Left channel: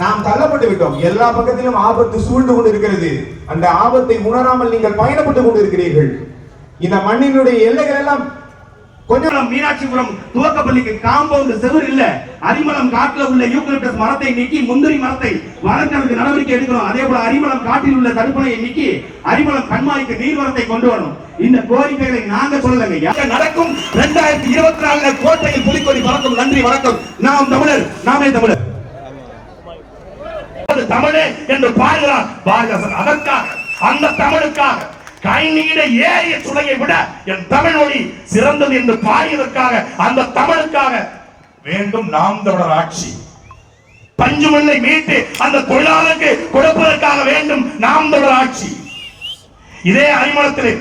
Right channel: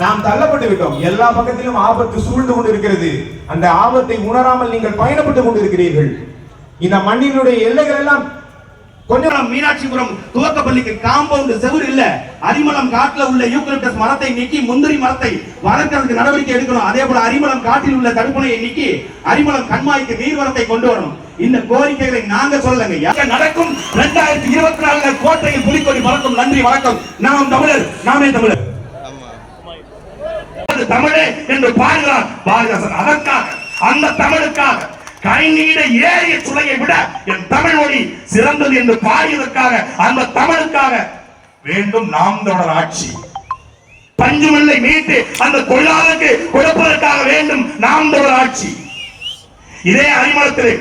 நாம் தள்ளப்பட்டு விட்டோம். எல்லா பக்கத்திலும் ஆபத்து சூழ்ந்து கொண்டிருக்கிறது. அந்த ஆபத்தை உணராமல் நீங்கள் பயணப்பட்டுக் கொண்டிருக்கிறீர்கள். இந்த மண்ணினுடைய எல்லைகள் எல்லாம் கொஞ்சம் மீனாட்சிபுரம் துவக்கப்பள்ளிக்கு காம்பவுண்ட் செவுர் இல்ல. அரிமளம் காட்டுல உள்ள யூக்கலிப்டஸ் மரத்தை நீக்கி முந்திரி மரத்தை வளர்க்கறதுக்கு நடவடிக்கை எடுக்கணும். அதே போல அரிமளம் காட்டில் உள்ள தடுப்பணையை நீக்கி அரிமளம் கண்மாய்க்கு நீர்வளத்தை கொண்டு வரணும். இந்த கோரிக்கைகளை நாங்க சொல்லலங்க. நடக்கும் 2024 கோட்டையில் புலிக்கொடி பறக்கும். நன்றி, வணக்கம். நாம் தமிழர், நாமே தமிழர். தமிழே என்று பாடுகிறார் பாரதிதாசன். அதற்காக, அந்த தமிழுக்காக கைநீட ஏறிய சுளையை விட என் தமிழ் மொழி சிறந்தது என்று பாடியதற்காக, அந்த தமிழுக்காக வேண்டும் நாம் தமிழர் ஆட்சி. பஞ்சுமில்லை மீட்டு அந்த தொழிலாளருக்கு கொடுப்பதற்காக வேண்டும் நாம் தமிழர் ஆட்சி. இதே அரிமளத்திலே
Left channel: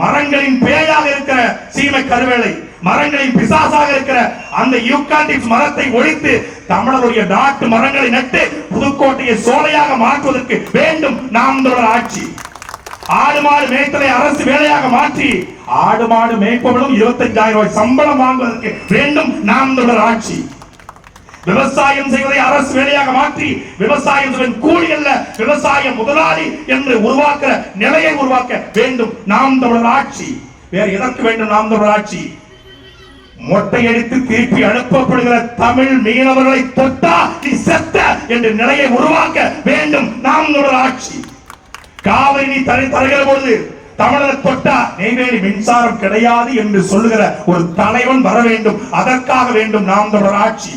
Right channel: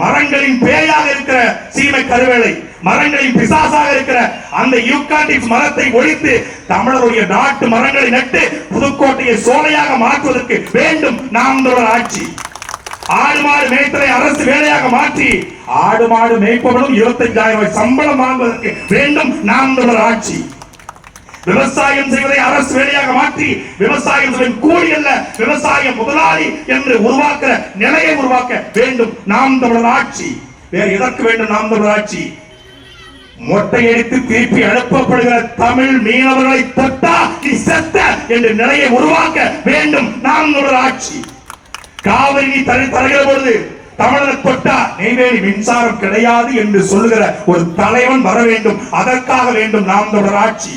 மரங்களின் பேயாக இருக்கிற சீமை கருவேலை, மரங்களின் பிசாசாக இருக்கிற அந்த யூகாலிப்டஸ் மரத்தை ஒழித்து தமிழருடைய நாட்டு மரங்களை நட்டு புதுக்கோட்டையை சோலையாக மாற்றுவதற்கு வேண்டும் நாம் தமிழர் ஆட்சி. ஆடு மாடு மேய்த்தலை அரசு வேலையாக மாற்றி ஆடு மாடு மேய்ப்பவர்களும் 25,000 ரூபாய் சம்பளம் வாங்குவதற்கு வேண்டும் நாம் தமிழர் ஆட்சி. விவசாயம் செய்வதை அரசு வேலையாக மாற்றி விவசாயம் கூலி அல்ல விவசாய முதலாளி என்று உருவாக்க நிலையை உருவாக்க வேண்டும் நாம் தமிழர் ஆட்சி. வேறு எதற்கு வேண்டும் நாம் தமிழர் ஆட்சி? மொட்டையடித்து திருப்பி அனுப்பப்படுகிற தமிழ் மீனவர்களை தொட்டா நீ செத்த என்ற நிலையை உருவாக்க வேண்டும் நாம் தமிழர் ஆட்சி. காவிரி நீ தருகிற பொழுது தமிழரை தொட்டா நெய்வேலி மின்சாரம் கிடையாது என்று சொல்லுகிற ஒரு தலைவன் வர வேண்டும். அதற்காக வேண்டும் நாம் தமிழர் ஆட்சி.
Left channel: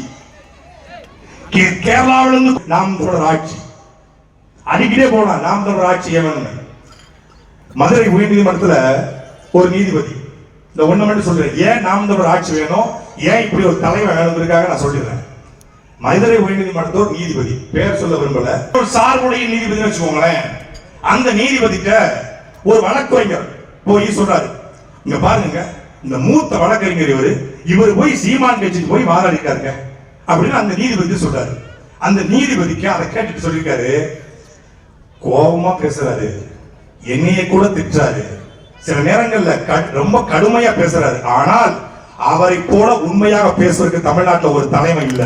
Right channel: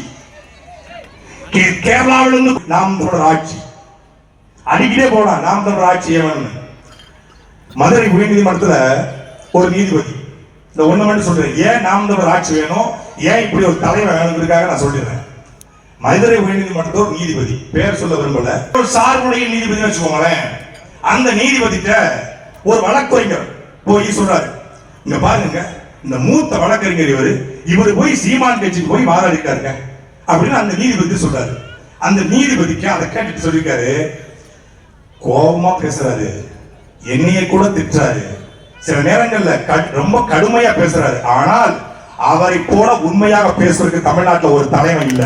கேரளாவிலிருந்து நாம் தமிழர் ஆட்சி அடிக்கிட்டே போனா நாம் தமிழர் ஆட்சி. மதுரை உயர்நீதிமன்றத்துல ஒரு நீதிபதி இந்த ஒண்ணு மட்டும் சொல்றேன், ஏன் நாம் தமிழர் ஆட்சி வேணும், ஏன் இப்படி ஒரு தலைவர் வேணுங்கிறதுக்காக நான் சொல்லிடுறேன். மதுரை உயர்நீதிமன்றத்தில் ஒரு நீதிபதி, பேர் சொல்ல விரும்பல, ஒரு சார்புடைய நீதிபதி வச்சுக்கோங்களேன். அந்த நீதிபதிட்ட ஒரு வழக்கறிஞர் போய் சொல்றாரு, இங்க பாருங்க இந்த மூத்த வழக்கறிஞர் இவர் போய் சீமான் கட்சிக்கு போய் வாதாடிட்டாருங்க அப்படின்னு அந்த நீதிபதி சொல்றாரு. அந்த நீதிபதிக்கு அதை கேட்டுட்டு சொல்லிருக்காரு, கோபமா பேசுறாரு, என்னைய கூட திட்டுறாரு, சில நேரங்கள்ல ரொம்ப கடுமையா பேசுறாரு. ஆனால் அவரை போல உண்மையாக பேசுவதற்கு தமிழ்நாட்டில் ஒரு தலைமை இல்ல.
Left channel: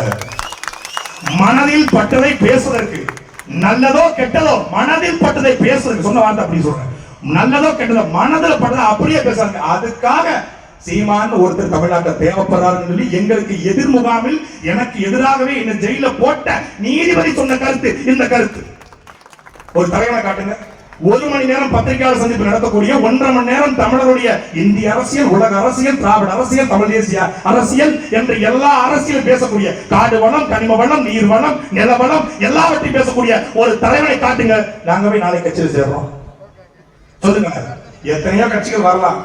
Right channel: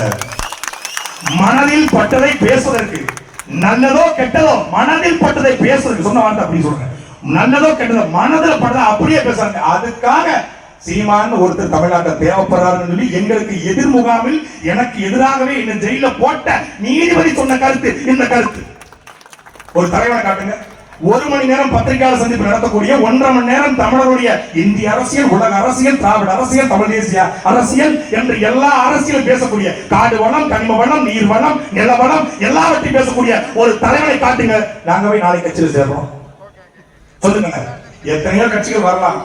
மனதில் பட்டதை பேசுவதற்கு, நல்லதோ கெட்டதோ மனதில் பட்டதை பேசுறதுக்கு சொன்ன வார்த்தை அப்படி சொல்றேன். நல்லதோ கெட்டதோ மனதில் பட்டதை அப்படியே பேசுறாங்க. அதுக்காக சீமான் ஒருத்தர் தமிழ்நாட்டை தேவைப்படுறாருன்னு சொல்லி எங்களுக்கு எதிர் முகாமில் எனக்கு எதிராகவே இந்த ஜெயில போட்ட நீதிபதி சொன்ன கருத்து இந்த கருத்து. ஒரு தலைவனை காட்டுங்க. 1 மணி நேரம் பத்திரிகையாளர் சந்திப்பு நடத்தக்கூடிய 1.5 மணி நேரம் தமிழருடைய இந்திய அரசியல், உலக அரசியல், திராவிட அரசியல், தமிழ் தேசிய அரசியல் என்று எல்லா அரசியலும் பேசக்கூடிய, காடு வளம், கனிம வளம், நீர் வளம், நில வளம் எல்லாவற்றையும் பேசக்கூடிய ஒரு தலைவனை காட்டுங்க. நாங்க போய் நாளை கட்சியில் சேர்றோம் சொல்லுங்க. எத்தனையோ கட்சிகள் வரலாம்,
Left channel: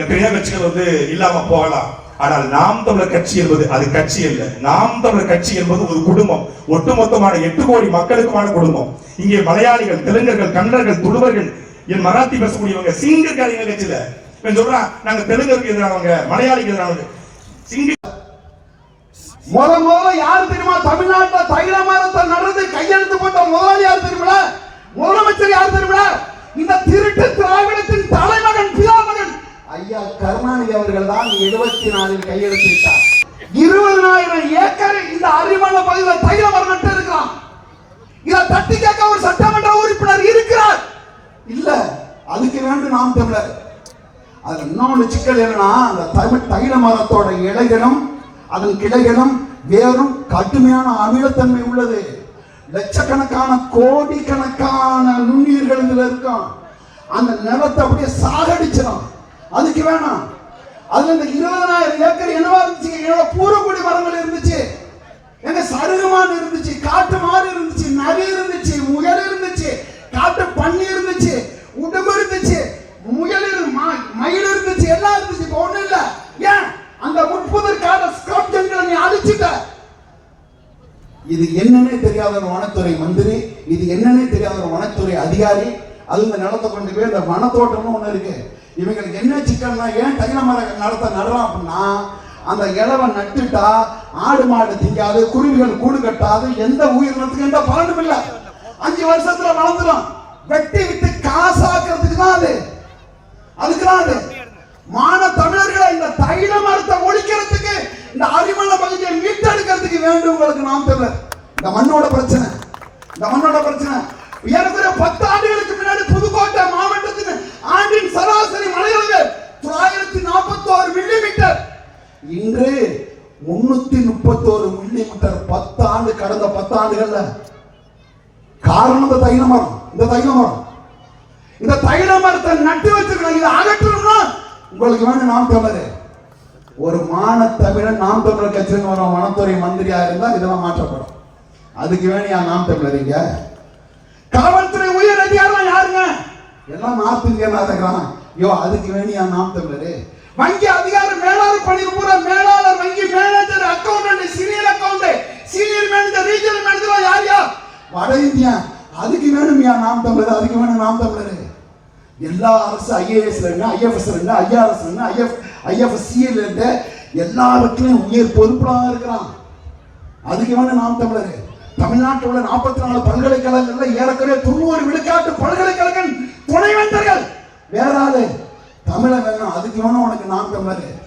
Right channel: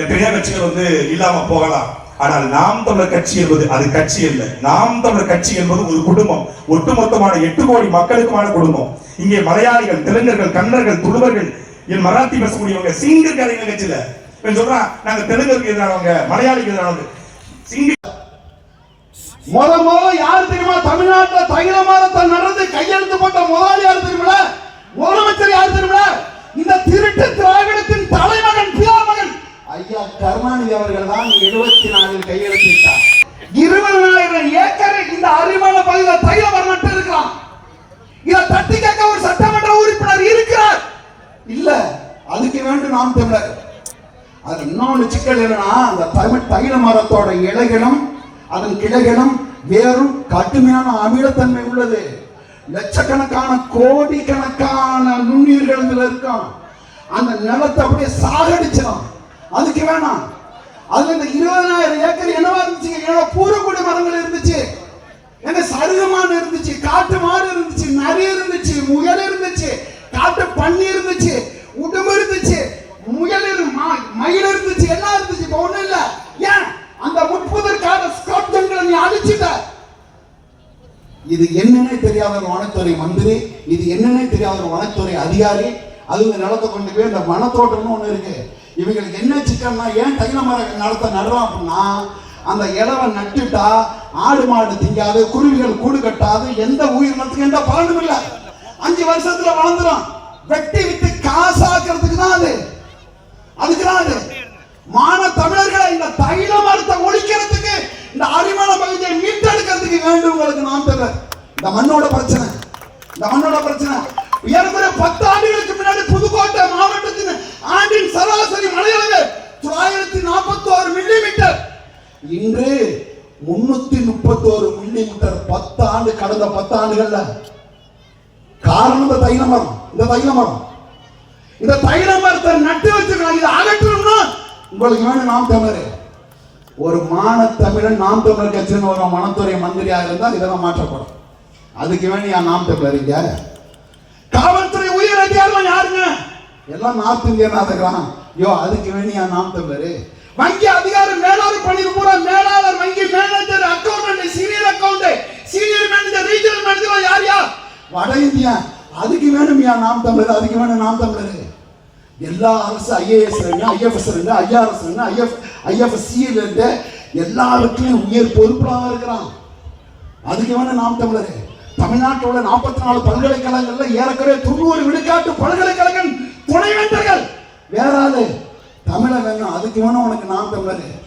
எத்தனையோ கட்சிகள் இல்லாம போகலாம். ஆனால் நாம் தமிழர் கட்சி என்பது அது கட்சி அல்ல. நாம் தமிழர் கட்சி என்பது ஒரு குடும்பம், ஒட்டுமொத்தமான 8 கோடி மக்களுக்குமான குடும்பம். இங்கே மலையாளிகள், தெலுங்கர்கள், கன்னடர்கள், துளுவர்கள், மராத்தி பேசக்கூடியவங்க, சிங்கக்காரங்க கட்சியில சொல்றான் நாங்க தெலுங்கருக்கு எதிரானவங்க, மலையாளிக்கு எதிரானவங்க. சிங்க முதல்ல யார் தெரியுமா? தமிழ்நாட்டில் தைல மரத்தை நடந்து கையெழுத்து போட்ட முதலாளி யார் தெரியுமா? முதலமைச்சர் யார் தெரியுமா? இந்த திருட்டு திராவிடத்தின் தலைமகன், பிதாமகன் ஐயா கருணாநிதி அவர்கள் தான் 74 கையெழுத்திட்டார். 20,000 ஏக்கர் இந்த அரிமள பகுதியில் தைல மரம் நட்டு இருக்கிறான். இதை தட்டி கேட்க ஒரு சட்டமன்ற உறுப்பினர் இருக்கிறார் இல்ல. அதுக்கு வேண்டும் நாம் தமிழர். அது இன்னொன்று சிக்கல் என்னன்னா, அந்த தைல மரத்தோட இலைகளும் அதன் கிளைகளும் வேறும் கடுமையான அமிலத்தன்மை உள்ளது. லட்சக்கணக்கான கோடிக்கணக்கான நுண்ணுயிர்கள் இதுல இருக்கும். அந்த நிலத்தை அப்படியே சாகடிச்சிடும். அதுக்கு வேணாம். அதுல இந்த 20,000 ஏக்கர் என்னவா இருந்துச்சு? என்னோட பூரக்குடி மரங்கள் இருந்துச்சு, எங்க சருகமான் இருந்துச்சு, காட்டு மாடு இருந்துச்சு, நரி இருந்துச்சு, முயல் இருந்துச்சு, காட்டு பன்னி இருந்துச்சு, உடம்பு இருந்துச்சு, முயல் மயில் இருந்துச்சு, எல்லாம் இருந்துச்சு. இப்ப ஒண்ணு இல்ல. ஏன் அந்த 30 ஸ்கிராப்ஜன்களை நீ அழிச்சிட்ட? இது என்னன்னே தெரியாத ஒரு வனத்துறை மந்திரி, இது என்னன்னே தெரியாத ஒரு வனத்துறை அதிகாரி, அது இந்த நிலத்தை கொண்டு போய் இந்த வனத்தோட்டம்னு ஒண்ணு இருக்கு. இவங்களுக்கு என்ன சிக்கல்னா, ஏன் தைல மரம் நடுறோம் அப்படின்னா, அந்த இலவை நட்டுட்டா ஆடு மாடு திங்காது, குருவிகள் கூடு கட்டாது, எந்த உயிரினத்துக்கு எந்த பலனும் இல்லை. 5 வருஷத்துல வளர்ந்துடும். வெட்டி விட்டு காசாக்குறதுக்கு தான் அது. அதுக்கு தான் அது. மான தமிழர்களை இந்த தைல மரத்தை ஒழிக்கிறதுக்கு, இந்த அரிமள பகுதியை மீட்டெடுக்கிறதுக்கு வேண்டும் உங்களுக்கு நாம் தமிழர். இந்த மண்ணோட பிரச்சனை நம்மளோட பிரச்சனை. ஏறக்குறைய 10 ஆண்டுகளுக்கு முன்னாடி புதுக்கோட்டை மாவட்டத்தின் ஆண்டின் சராசரி மழையளவு 941 மில்லிமீட்டர். இன்று 331 மில்லிமீட்டர். 10 ஆண்டு, கடந்த 10 ஆண்டுகள்ல. காரணம் இந்த தைல மரம். இந்த தைல மரத்தை நட்டு வச்சிருக்காங்க. இதை அகற்றணும்னா உங்களுக்கு வேணும் நாம் தமிழர். ஒரு மான தமிழன் நாம் தமிழர் கட்சின்னு ஒரு வனத்துறை மந்திரியா இருந்தா இதெல்லாம் மாற்றப்படும். அதுக்கு வேணும் நாம் தமிழர். இங்க காவல்துறை உயர் அதிகாரம் யாருங்க? எல்லாம் நார்த் இந்தியன் இருக்கிறான். அதுக்கு வேணியா நாம் தமிழர். வங்கி அதிகாரம் மேலாளர் பணி பூரா மேலாளர், வங்கி manager, accountant, senior accountant, senior manager, regional manager யார்? வட இந்தியா. அதுக்கு வேணுமியா நாம் தமிழர். அதுக்கு வேணும் நாம் தமிழர். எல்லா அரசு ஐஏஎஸ் ஐஎஃப்எஸ் ஐஆர்எஸ் ஐஎஃப்எஸ்சியில் இருந்து எல்லாருக்கும் உயர் பொறுப்பாக இருக்கிறான். அதுக்கு வேணும் நாம் தமிழர். தமிழ்நாட்டோட 44 பல்கலைக்கழகங்கள்ல ஏறக்குறைய 90 விழுக்காட்டு பல்கலைக்கழகம் துணைவேந்தர்கள் வேற ஆளு தமிழ வேணும். அதுக்கு வேணும் உனக்கு நாம் தமிழர்.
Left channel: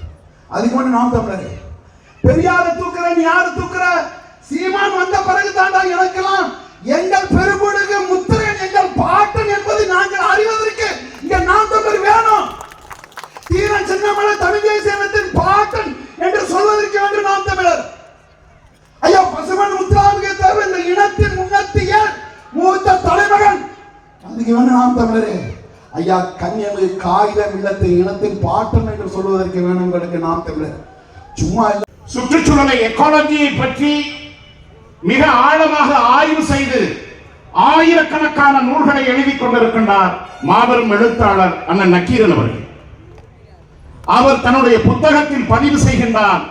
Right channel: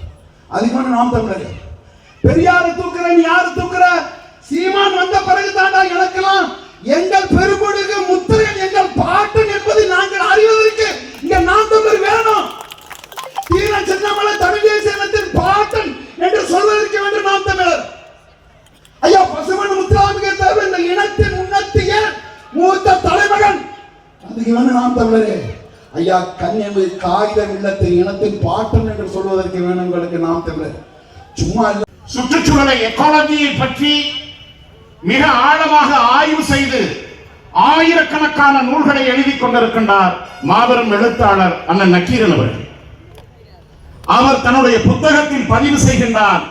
அதுக்கு வேணும் நாம் தமிழர். பெரியார தூக்குற நீ யாரு தூக்குற? சீமான் வந்த பிறகு தாண்டா இழக்கலாம். எங்கள் பெரும்பொழுது முத்திரையன் எங்கள் பாட்டன் என்பதை நாங்கள் அறிவதற்கு இங்க நாம் தமிழர் வேணும். தீர சின்னமலை தமிழ் தேசிய இனத்தின் பாட்டன் என்று சொல்வதற்கு வேண்டும் நாம் தமிழர். ஐயா பசுமன் முத்துராமலிங்க தேவர் இந்த இனத்தின் முன்னத்திய மூத்த தலைமகன். அதுக்கு வேணும் நாம் தமிழரே. ஐயா கன்னியாகுமரி காகிதம் இல்லத்தின் இனத்தின் பாட்டன் என்று சொல்வதற்கு வேணும் உங்களுக்கு நாம் தமிழர். சும்மா சுற்றுச்சூழலை, எக்காலஜியை பற்றி மிக ஆழமாக ஆய்வு செய்து ஆயிரக்கணக்கான நூல்களை எழுதி கொண்டிருக்கின்றார் மாபெரும் எழுத்தாளர் அண்ணன் நக்கீரன் அவர்கள். அவர் தன்னுடைய புத்தகத்தில் பதிவு செய்கின்றார்,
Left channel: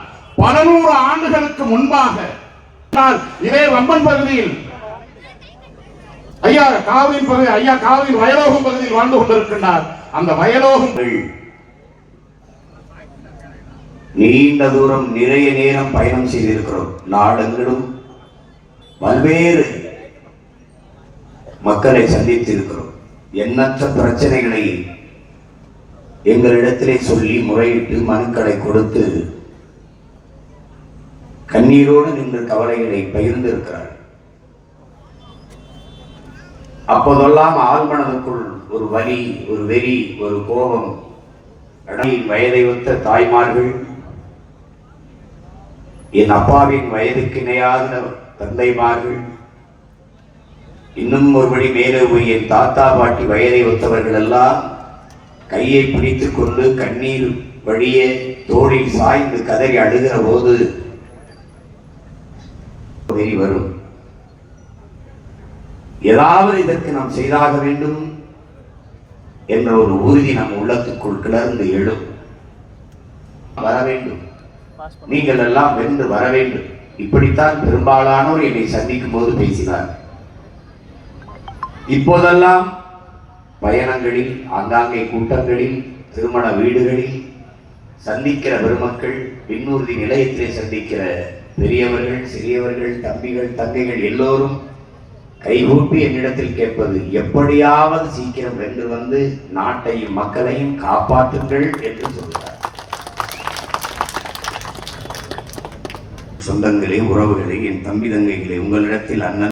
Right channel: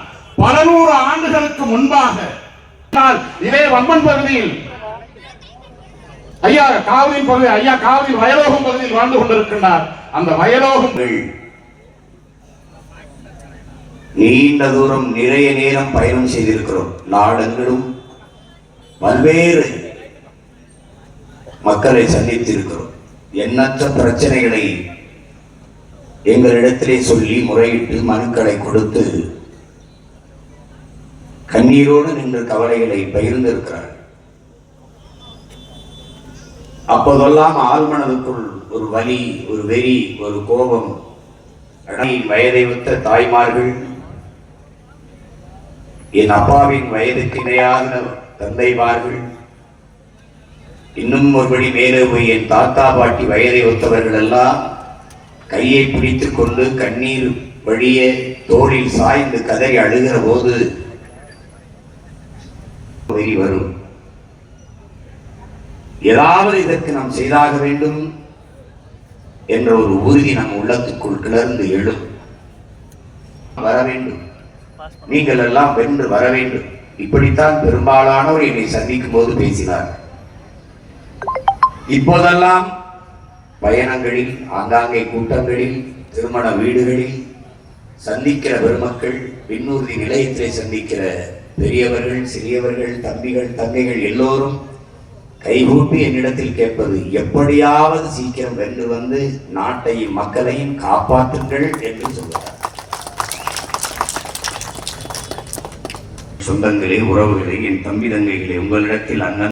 பல 100 ஆண்டுகளுக்கு முன்பாக இதே வம்பன் பகுதியில் ஐயா காவிரி வயலோகம் பகுதியில் வாழ்ந்து கொண்டிருக்கின்றார். அந்த வயலோகங்கள் நீண்ட தூரம் நிறைய நேரம் பயணம் செய்திருக்கிறோம். நாடெங்கிலும் பல்வேறு மக்களை சந்தித்திருக்கிறோம். எண்ணற்ற பிரச்சனைகளை எங்களிடத்திலே சொல்லி முறையிட்டு மனுக்களை கொடுத்து கண்ணீரோடு நின்று கவலைகளை பகிர்ந்திருக்கிறார். அப்போதெல்லாம் ஆழ்மனதுக்குள் ஒரு வலி, ஒரு வெறி, ஒரு கோபம். வயதை ஒத்த தாய்மார்கள், என் அப்பாவின் வயதுக்கு இணையான தந்தைமார்கள், இன்னும் ஒருபடி மேலே போய் என் தாத்தா பாட்டி வயதை ஒத்தவர்கள் எல்லாம் கையை பிடித்துக் கொண்டு கண்ணீர் வழிய தோளில் சாய்ந்து கதறி அழுகிற போது வெறி வரும். ஏதாவது இதற்கு நாம் செய்தாக வேண்டும் என்ற ஒரு உறுதி நம் உள்ளத்துக்குள் கிளர்ந்து எழும். வர வேண்டும், நீங்கள் எல்லாம் வென்று வர வேண்டும். இப்படித்தான் பெரும்பாலானோர் என்னை சந்திக்கும் போது பேசினார். இப்போதெல்லாம் பயணங்களில், ஆங்காங்கே கூட்டங்களில், திருமண வீடுகளில் சந்திக்கிற பெருமக்கள், விண்ணூர்தி நிலையத்திலே சந்திக்கிற பெரியவர்கள், சிறியவர்கள், தம்பிகள், தங்கைகள் எல்லோரும் கைகூப்பி என்னிடத்தில் கேட்பது, எப்படியாவது சீக்கிரம் வென்று வந்து நாட்டையும் மக்களையும் காப்பாற்றுங்கள் என்று சொல்கிறார். சொந்தங்களே, உறவுகளே, என் தம்பி தங்கைகளே, உங்களிடத்தில் அண்ணன்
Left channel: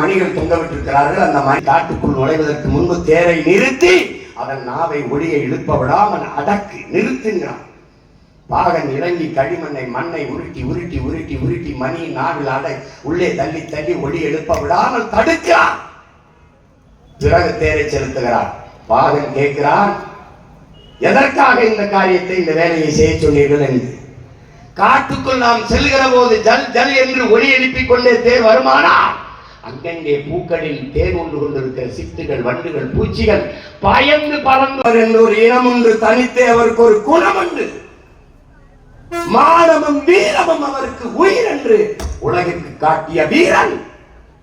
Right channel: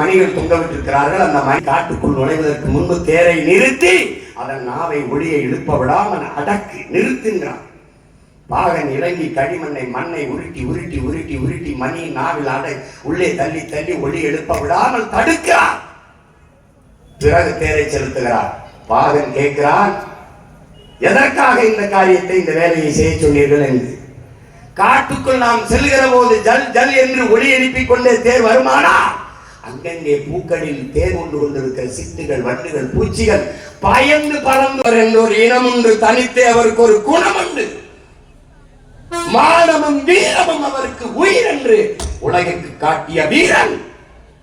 மணிகள் தொங்கவிட்டிருக்கிறார்கள். அந்த மணி காட்டுக்குள் நுழைவதற்கு முன்பு தேரை நிறுத்தி அதன் நாவை ஒளியை எழுப்ப விடாமல் அடக்கு நிறுத்துங்கிறான். பாகன் இறங்கி களிமண்ணை மண்ணை உருட்டி உருட்டி உருட்டி உருட்டி மணி நாவில் அடை உள்ளே தள்ளி தள்ளி ஒளி எழுப்ப விடாமல் தடுக்கிறான். பிறகு தேரை செலுத்துகிறார். பாகன் கேட்கிறான், எதற்காக இந்த காரியத்தை, இந்த வேலையை செய்ய சொன்னீர்கள் என்று. காட்டுக்குள் நாம் செல்கிற போது ஜல் ஜல் என்று ஒளி எழுப்பிக் கொண்டே தேர் வருமானா அங்கங்கே பூக்களில் தேர் கொண்டு கொண்டிருக்கிற சிட்டுகள், வண்டுகள், பூச்சிகள் பயந்து பறந்தவர் என்று ஒரு இனம் உண்டு. தனித்தே அவருக்கு ஒரு குணம் உண்டு. மானமும் வீரமும் அவருக்கு உயிர் என்று உலகிற்கு காட்டிய வீரன்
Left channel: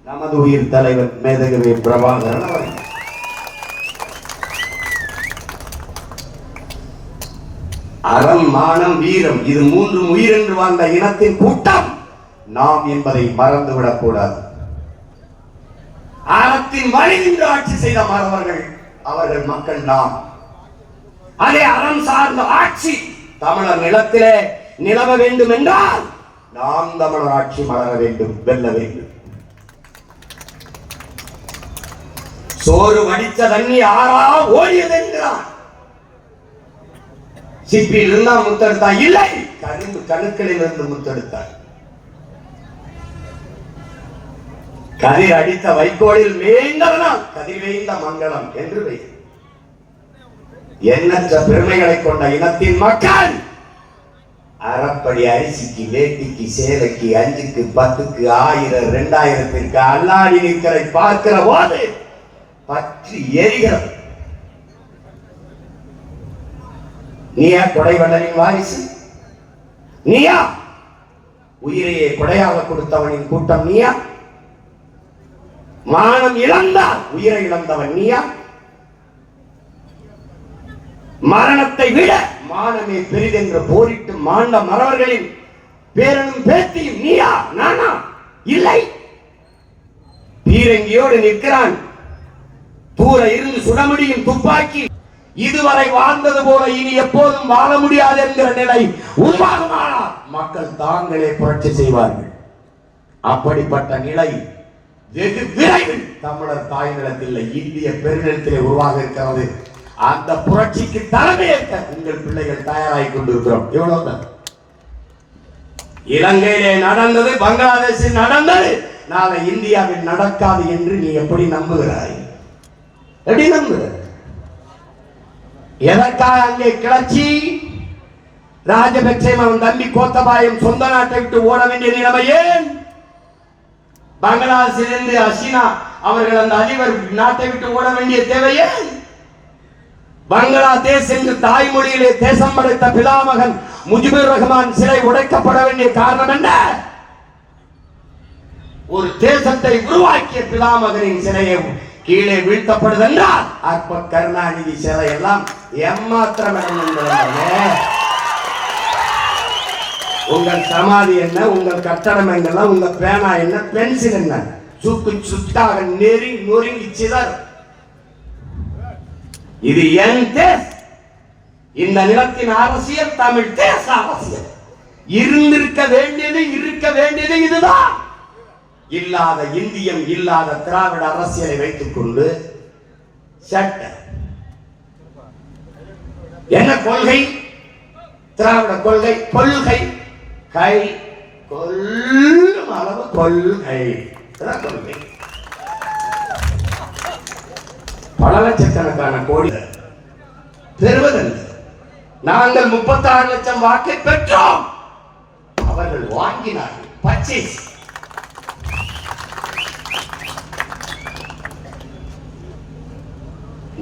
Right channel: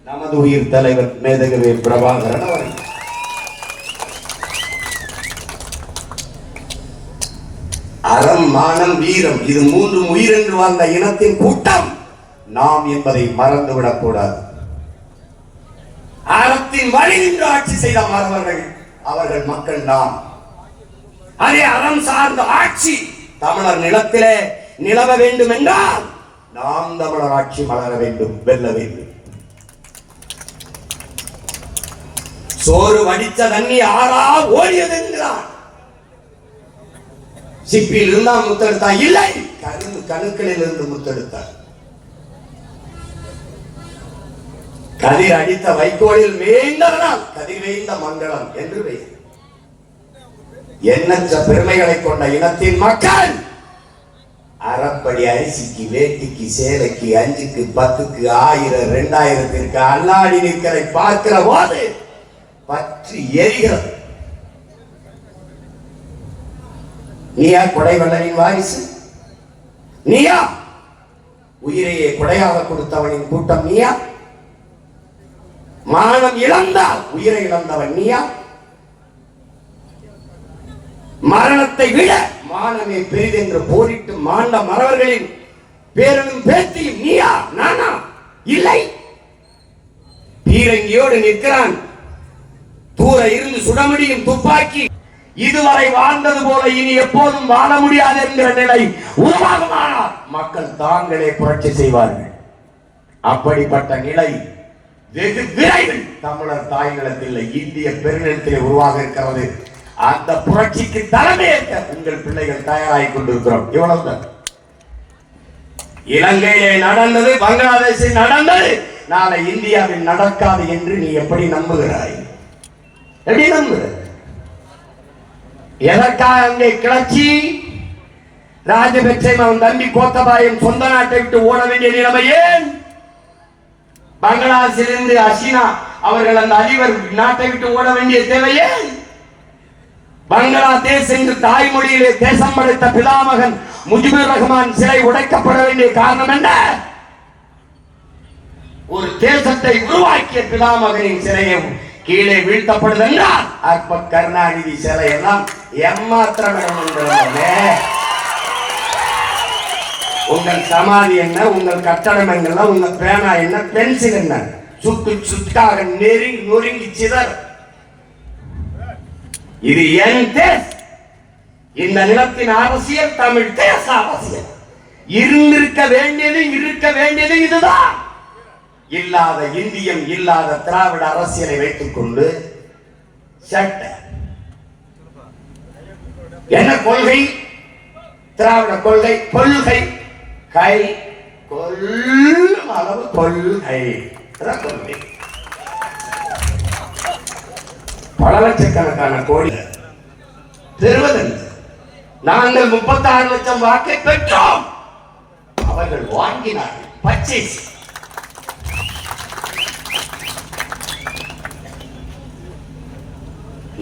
நமது உயிர் தலைவர் மேதகவே பிரபாகரன் அவர்கள். அறம், மானம், வீரம், இது மூன்றும் உயிர் என்று வாழ்ந்த இனத்தின் கூட்டம் நாம் என்பதை மறந்துவிடக் கூடாது. அறத்தின் வழி நின்று ஆட்சி செய்த மறவர்கள் அவர்கள் மக்கள் நாம். அதே அறம் சார்ந்த ஆட்சி தமிழர் நிலத்திலே நிலவ வேண்டும் என்றால் நாம் தமிழர் ஆட்சி மலர வேண்டும், வெல்ல வேண்டும். சோறு வடித்த தண்ணி ஆறா ஓடியது என்கிறான். சிப்பியில் இருந்தா முத்தெடுத்தான், இல்லை கரும்பு கணுக்களில் இருந்து முத்தெடுத்தான். கதிர் அடித்த வைக்கோலில் மேய்ந்தவனால் கதிர் வேய்ந்த மங்களம் என்று பெயர். எண்ணற்ற பெருமைகளை கொண்ட இனத்தின் மக்கள் அறப்படி அரிசிக்கு, வேட்டிக்கு, சேலைக்கு, 5க்கு, 10க்கு, 1000, 2000க்கு அல்லாடி நிற்களை பார்க்கிற போது பற்றி எரிகிறது. நீயா கொடைவள்ளலின் வாரிசு? நீயா உயிரையே கொடையாக கொடுத்தவனின் கூட்டம்? நீயா மானம் இழந்தால் உயிரை இழந்தவன்? நீயா மரணத்தை விட மானமே பெரிதென்று போரிட்டு மாண்ட மறவர்களின் பேரனும் பேத்தியும் நீயா? நானா? இல்லை. பீரங்கியோடு நிற்கிறான், தூர இருந்து சுட முடியும் துப்பாக்கி. இதுவரை வாழ்ந்தது போல இனி எப்போதும் வாழ முடியாது என்கிற நிலை உருவாகுமானால் மக்கள் தாங்களே புரட்சி செய்வார்கள். அப்படிப்பட்ட நிலை வெகு விரைவில் தமிழர் தாய் நிலத்தில், இந்திய பெருநிலத்திலே உருவாக இருக்கிறது. அந்த புரட்சிக்கு தலைமையேற்க உங்கள் பிள்ளைகள் தயாராகி கொண்டிருக்கிறோம். இவ்வளவுதான். இலங்கையிலே நடந்தது, பங்களாதேஷில் நடந்தது, நாளை இந்தியாவில் நடக்காது என்று நீ எப்படி நம்புகிறாய்? எப்படி நம்புகிற? எதற்காக அங்கே கிளர்ச்சி? ராஜபக்சே அவன் தம்பி கோத்தபாயம் சொந்த நாட்டை விட்டு ஓட வேண்டிய நிலைமை ஏன்? பங்களாதேஷிலிருந்து ஹசீனா அவர்கள் அந்த அதிபர் நாட்டை விட்டு ஓட வேண்டிய தேவையே? பங்களாதேஷ் என்று தாய்மொழியிலே தேசம் படைத்த பிதாமகன் முஜிபுர் ரஹ்மான் சிலை உடைக்கப்பட வேண்டிய காரணம் என்ன? ஒரு தேசத்தை உருவாக்கிய பிதாமகனின் சிலையை கீழே வீழ்த்தப்படுது என்றால் அப்ப கருணாநிதி சிலை எல்லாம் ஏமாத்திரம். உங்கள் சமாதி என்ன, உங்கள் கட்டடம் என்ன, உங்க பேனா என்ன, பென்சில் என்ன, சுக்கு சுக்காக நெருங்கி நொறுங்கி சிதற. இது என் தேசம். இந்த நிலத்தின் அரசியல் தமிழ் தேச அரசியல். இருந்திருக்க வேண்டியது, இருக்க வேண்டியது இதுதான். இல்லாத இந்தியம், இல்லாத திராவிட அரசியலை வைத்துக் கொண்டு சட்ட என்ன கொள்கை? திராவிட கொள்கை, கொள்கை கை கொல்லும் அளவு கொள்கை. கொள்கை பல லட்சக்கணக்கான கோடி பெறுவதில்லை. நாங்கள் 36 லட்சம் வாக்கை பெற்றோம், அவர்கள் வாங்கினார்கள். பர்ச்சேஸ்.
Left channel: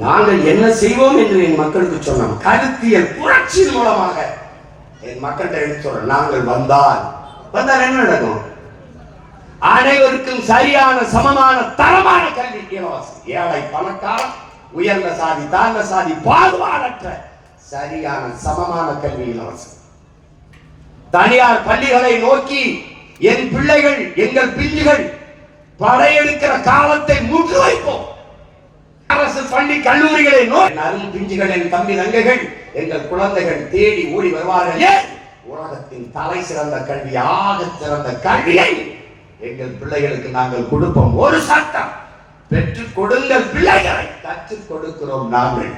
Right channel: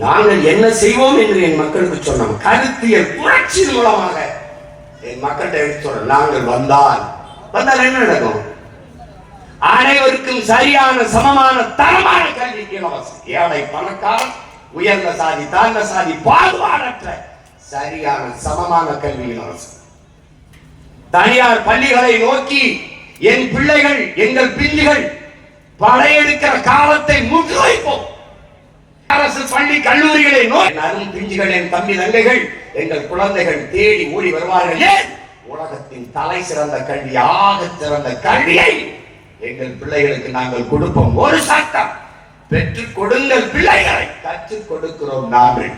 நாங்கள் என்ன செய்வோம் என்று என் மக்களுக்கு சொன்னோம். கருத்தியல் புரட்சி மூலமாக என் மக்கள்கிட்ட எடுத்து சொல்றோம். நாங்கள் வந்தால் என்ன நடக்கும்? அனைவருக்கும் சரியான, சமமான, தரமான கல்வி இலவசம். ஏழை பணக்காரன், உயர்ந்த சாதி, தாழ்ந்த சாதி, பாகுபாடற்ற சரியான சமமான கல்வி இலவசம். தனியார் பள்ளிகளை நோக்கி என் பிள்ளைகள், எங்கள் பிள்ளைகள் படையெடுக்கிற காலத்தை முற்று வைப்போம். அரசு பள்ளி கல்லூரிகளை நோக்கி அரும் பிஞ்சுகளின் தம்பி தங்கைகள், எங்கள் குழந்தைகள் தேடி ஓடி வருவார்கள். ஏன்? உலகத்தின் தலை சிறந்த கல்வி, ஆக சிறந்த கல்வியை எங்கள் பிள்ளைகளுக்கு நாங்கள் கொடுப்போம். ஒரு சட்டம், பெற்றுக் கொடுங்கள் பிள்ளைகளை. கற்றுக் கொடுக்கிறோம் நாங்கள்.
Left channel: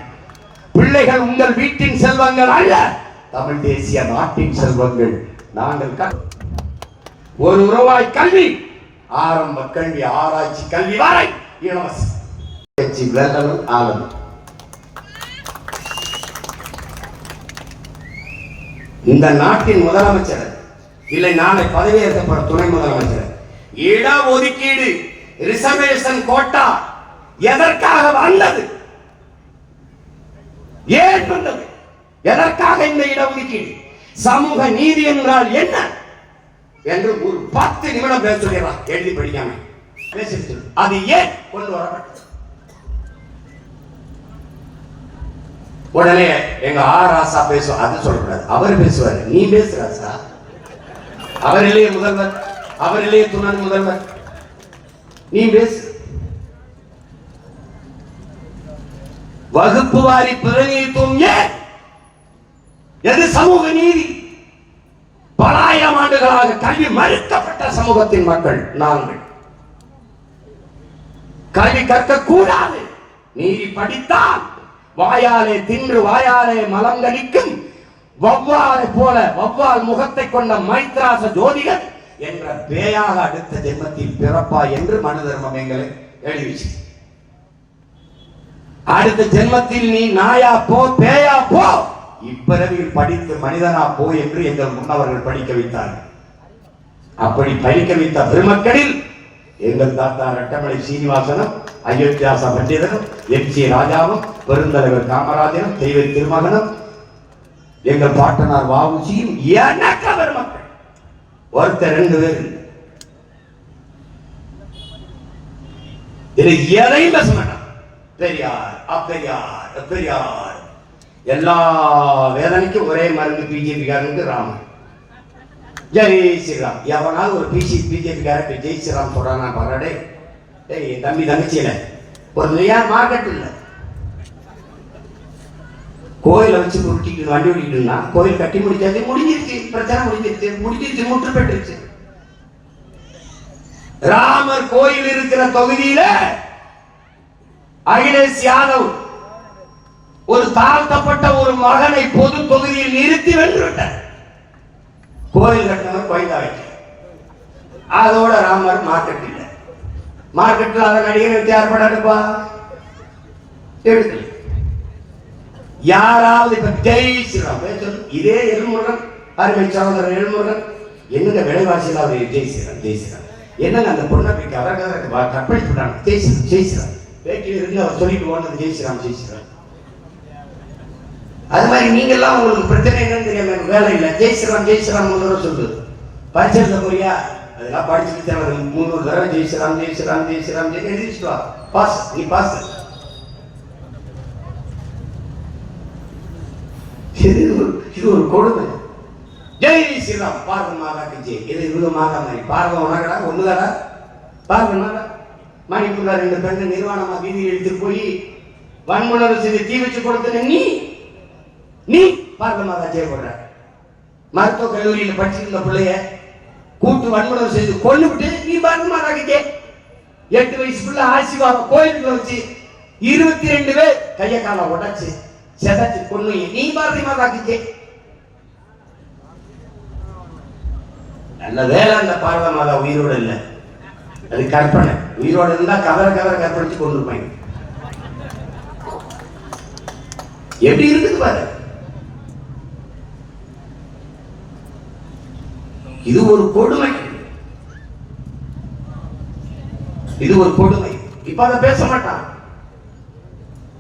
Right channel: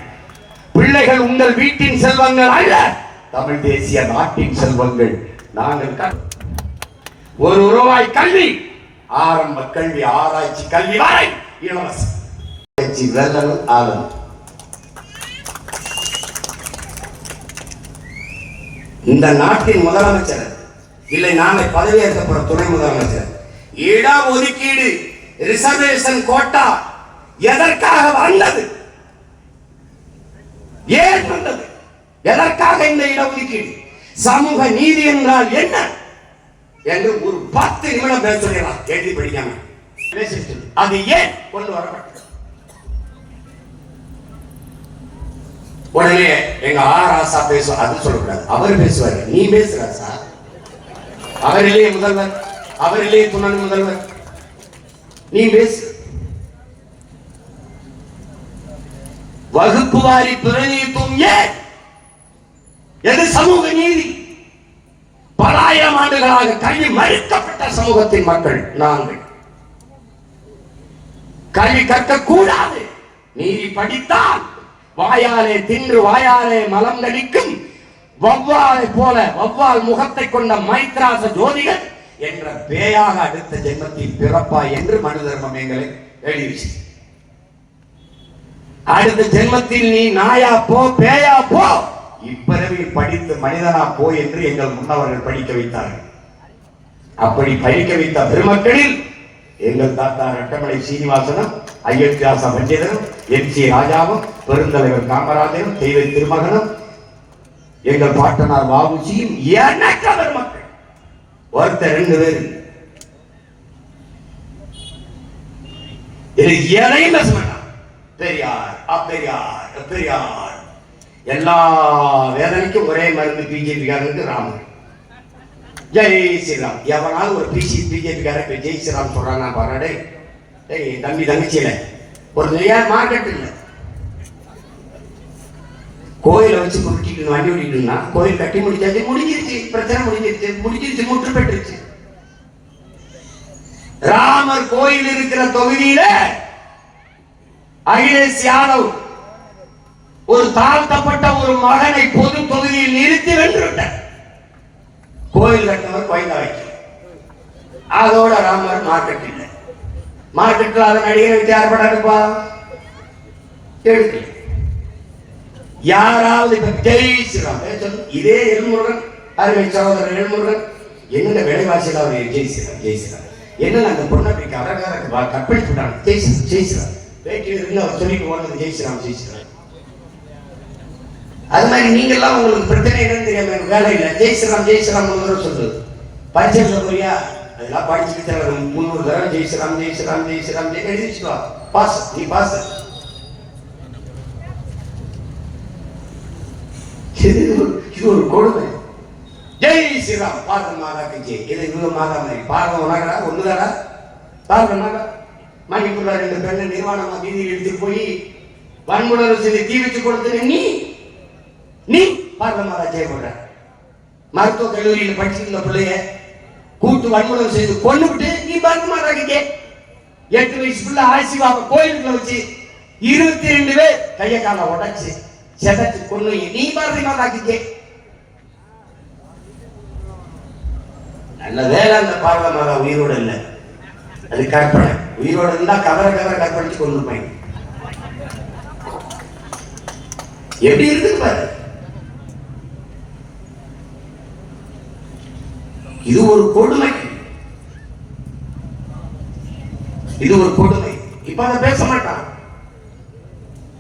பிள்ளைகள் உங்கள் வீட்டின் செல்வங்கள் அல்ல, தமிழ் தேசிய நாட்டின் செல்வங்கள். நாங்கள் ₹1 கல்வி, ஆரம்ப கல்வி, ஆராய்ச்சி கல்வி வரை இலவசம். இந்த நாட்டின் முதலமைச்சர் இல்லை, நாளை பதவியேற்கப்பட துணை முதலமைச்சர், இட ஒதுக்கீடு, ரிசர்வேஷன் கோட்டா எதற்காக வந்தது? ஏன் வந்தது? எதற்காக இந்த இடஒதுக்கீடு? சமூக நீதி என்றால் என்ன என்று ஒரு 10 நிமிடம் பேச சொல்லிடலாம். எழுதி படிக்காம பேசிட்டு அது ஏன் கொண்டு வரப்பட்டது? உடனே எங்க ஆராசா பேசுவார். அது சொல்லக்கூடாது, அவர் பேசுவாரு. நீ பேசுறாசா? அவரிலே முதல்வர், அவரிலே துணை முதல்வர், நீ பேசு. வகுப்பு வாரி பிரதிநிதித்துவம் ஏன்? எது சமூக நீதி? பல ஆயிரம் ஆண்டுகளாக கல்வி மறுக்கப்பட்ட சமூகத்தின் மக்கள் நாங்கள். கல்வி கற்க கூடாது நீதி படித்தால் வாயாலே தின்று வாயாலே மலம் கழிக்கும் வௌவாலை போல வௌவால் முகத்தை கொண்ட மைத்ராச ஜோதிகள் என்ற பேயாக அடுத்த ஜென்மத்தில் பிறப்பா என்று மனு தர்மம் எங்களை எழுதிச்சு. அடுத்த ஜென்மத்தில் நீ நாயா போ பேயா போ, இப்பிறவியில் படித்து மனிதனா போ என்று எங்கள் முன்னவர்கள் படிக்க வைத்தார்கள். அப்படி படிக்க வைத்த பெருமக்களில் எங்கள் தாத்தா ரட்டமலை சீனிவாசனும் அயோத்தியாச பண்டிதனும் என்.சி. ராஜாவும் பெருந்தலைவர் காமராஜனும் தெய்வ திருமகனும் எங்கள் பாட்டனார் வாவுசியும் எண்ணற்ற பெருமக்கள். ஒருத்தர் 2 பேர் இது எதையும் பேச மாட்டான். பெரியார் அப்பெரியார் பெரியார் எல்லா வேதனைக்கும் ஒரே மருந்து பிஜேபிக்காரனுக்கு ராமர். ஜெய் ஸ்ரீராம். எவனாவது ஒரு பிஜேபிக்காரன் ஜெய் ஸ்ரீராம் சொல்றாங்க பாருடே, தம்பி தங்கச்சியில ஒரு நிலையார் மார்க்கெட் இல்லை. கோயிலை வச்சு குறுக்கிட்டு வண்டி ஓடிட்டுனா கோயில் கட்டி முடிச்சாச்சு, முடிஞ்சிருச்சு, பிரச்சனை முடிஞ்சிருச்சு, முற்று பெற்றுச்சு. ராமர் கோயில் இருக்கிற தொகுதியில அகிலேஷ் யாதவ் ஒரு தாழ்த்தப்பட்ட ஒரு மகனை பொது தொகுதியில் நிறுத்தி வென்றுவிட்டார். கோயில் கட்டினவர் கோயிலா வைக்க, அதோட ராமர் மார்க்கெட் இல்லை. மார்க்கெட்டில் அதை நடிகரை வச்சு ஏற்பட எடுப்பா எடுக்கல. யாராவது இப்ப ஜெய் ஸ்ரீராம் இதே எல்முருகன் அருமை சகோதரர் எல்முருகன் என்னென்ன விலைவாசியில் அவர் ஜெய் ஸ்ரீராம் ஜெய் ஸ்ரீராம் என்னென்ன அந்த பொண்ணை கற்பழிச்சு விட்டாங்க. ஜெய் ஸ்ரீராம் ஜெய் ஸ்ரீராம் வேட்டியில் இருந்து அவர் சொல்லிட்டு ஓடுறது ஜெய் ஸ்ரீராம் ஜெய் ஸ்ரீராம். அது மாதிரி நீங்க எல்லாம் உங்களுக்கு பிரச்சனை என்னன்னு தெரியாம வேலை இல்லை. ஜெய் ஸ்ரீராம் ஜெய் ஸ்ரீராம் சொல்லு பரிச்சை புரியா அதெல்லாம் படிச்சுட்டு 300 தடவை ஜெய் ஸ்ரீராம் ஜெய் ஸ்ரீராம் ஜெய் ஸ்ரீராம் ஜெய் எழுதிச்சுட்டு வா, பாஸ் நீ பாஸ். இது ஒரு கொடுமை. ஜெய் ஸ்ரீராம் பாரத மாதாக்கு ஜெய். இது இவங்க மாதா மாதிரி பாரதம் உணரா ஒண்ணுதாடா. பாரத மாதா மணிப்பூர்ல 2 பெண்ணை நிர்வாணமா வீதியில் எடுத்துட்டு போய் வன்முறை செய்து தீ வச்சு கொடுத்துன நீ பாரத மாதா ஜெய் போடுற. மருத்துவ கல்லூரியில் படிச்சிருந்த பிள்ளைய கூட்டு வன்முறை செய்து கொண்டுவிட்டு நீ பாரத மாதாக்கு ஜெய். 8 வயசு பிள்ளை ஆசிர்வாதம் கோயிலுக்குள்ள வச்சு 22 பேர் கைய கால உடைச்சு செதச்சு கொண்டு நீ பாரதி மாதாக்கு. நல்ல வேலை அந்த பாரத மாதா உயிரோடு இல்லை, அது கற்பனை. உயிரோடு இருந்தா கதற கற்பழிச்சு கொண்டு போய் எப்படி இருக்குது பாரு. இது ஒரு கொடுமை, இது ஒரு கொடுமை. இப்ப அதை பேச மாட்டான்.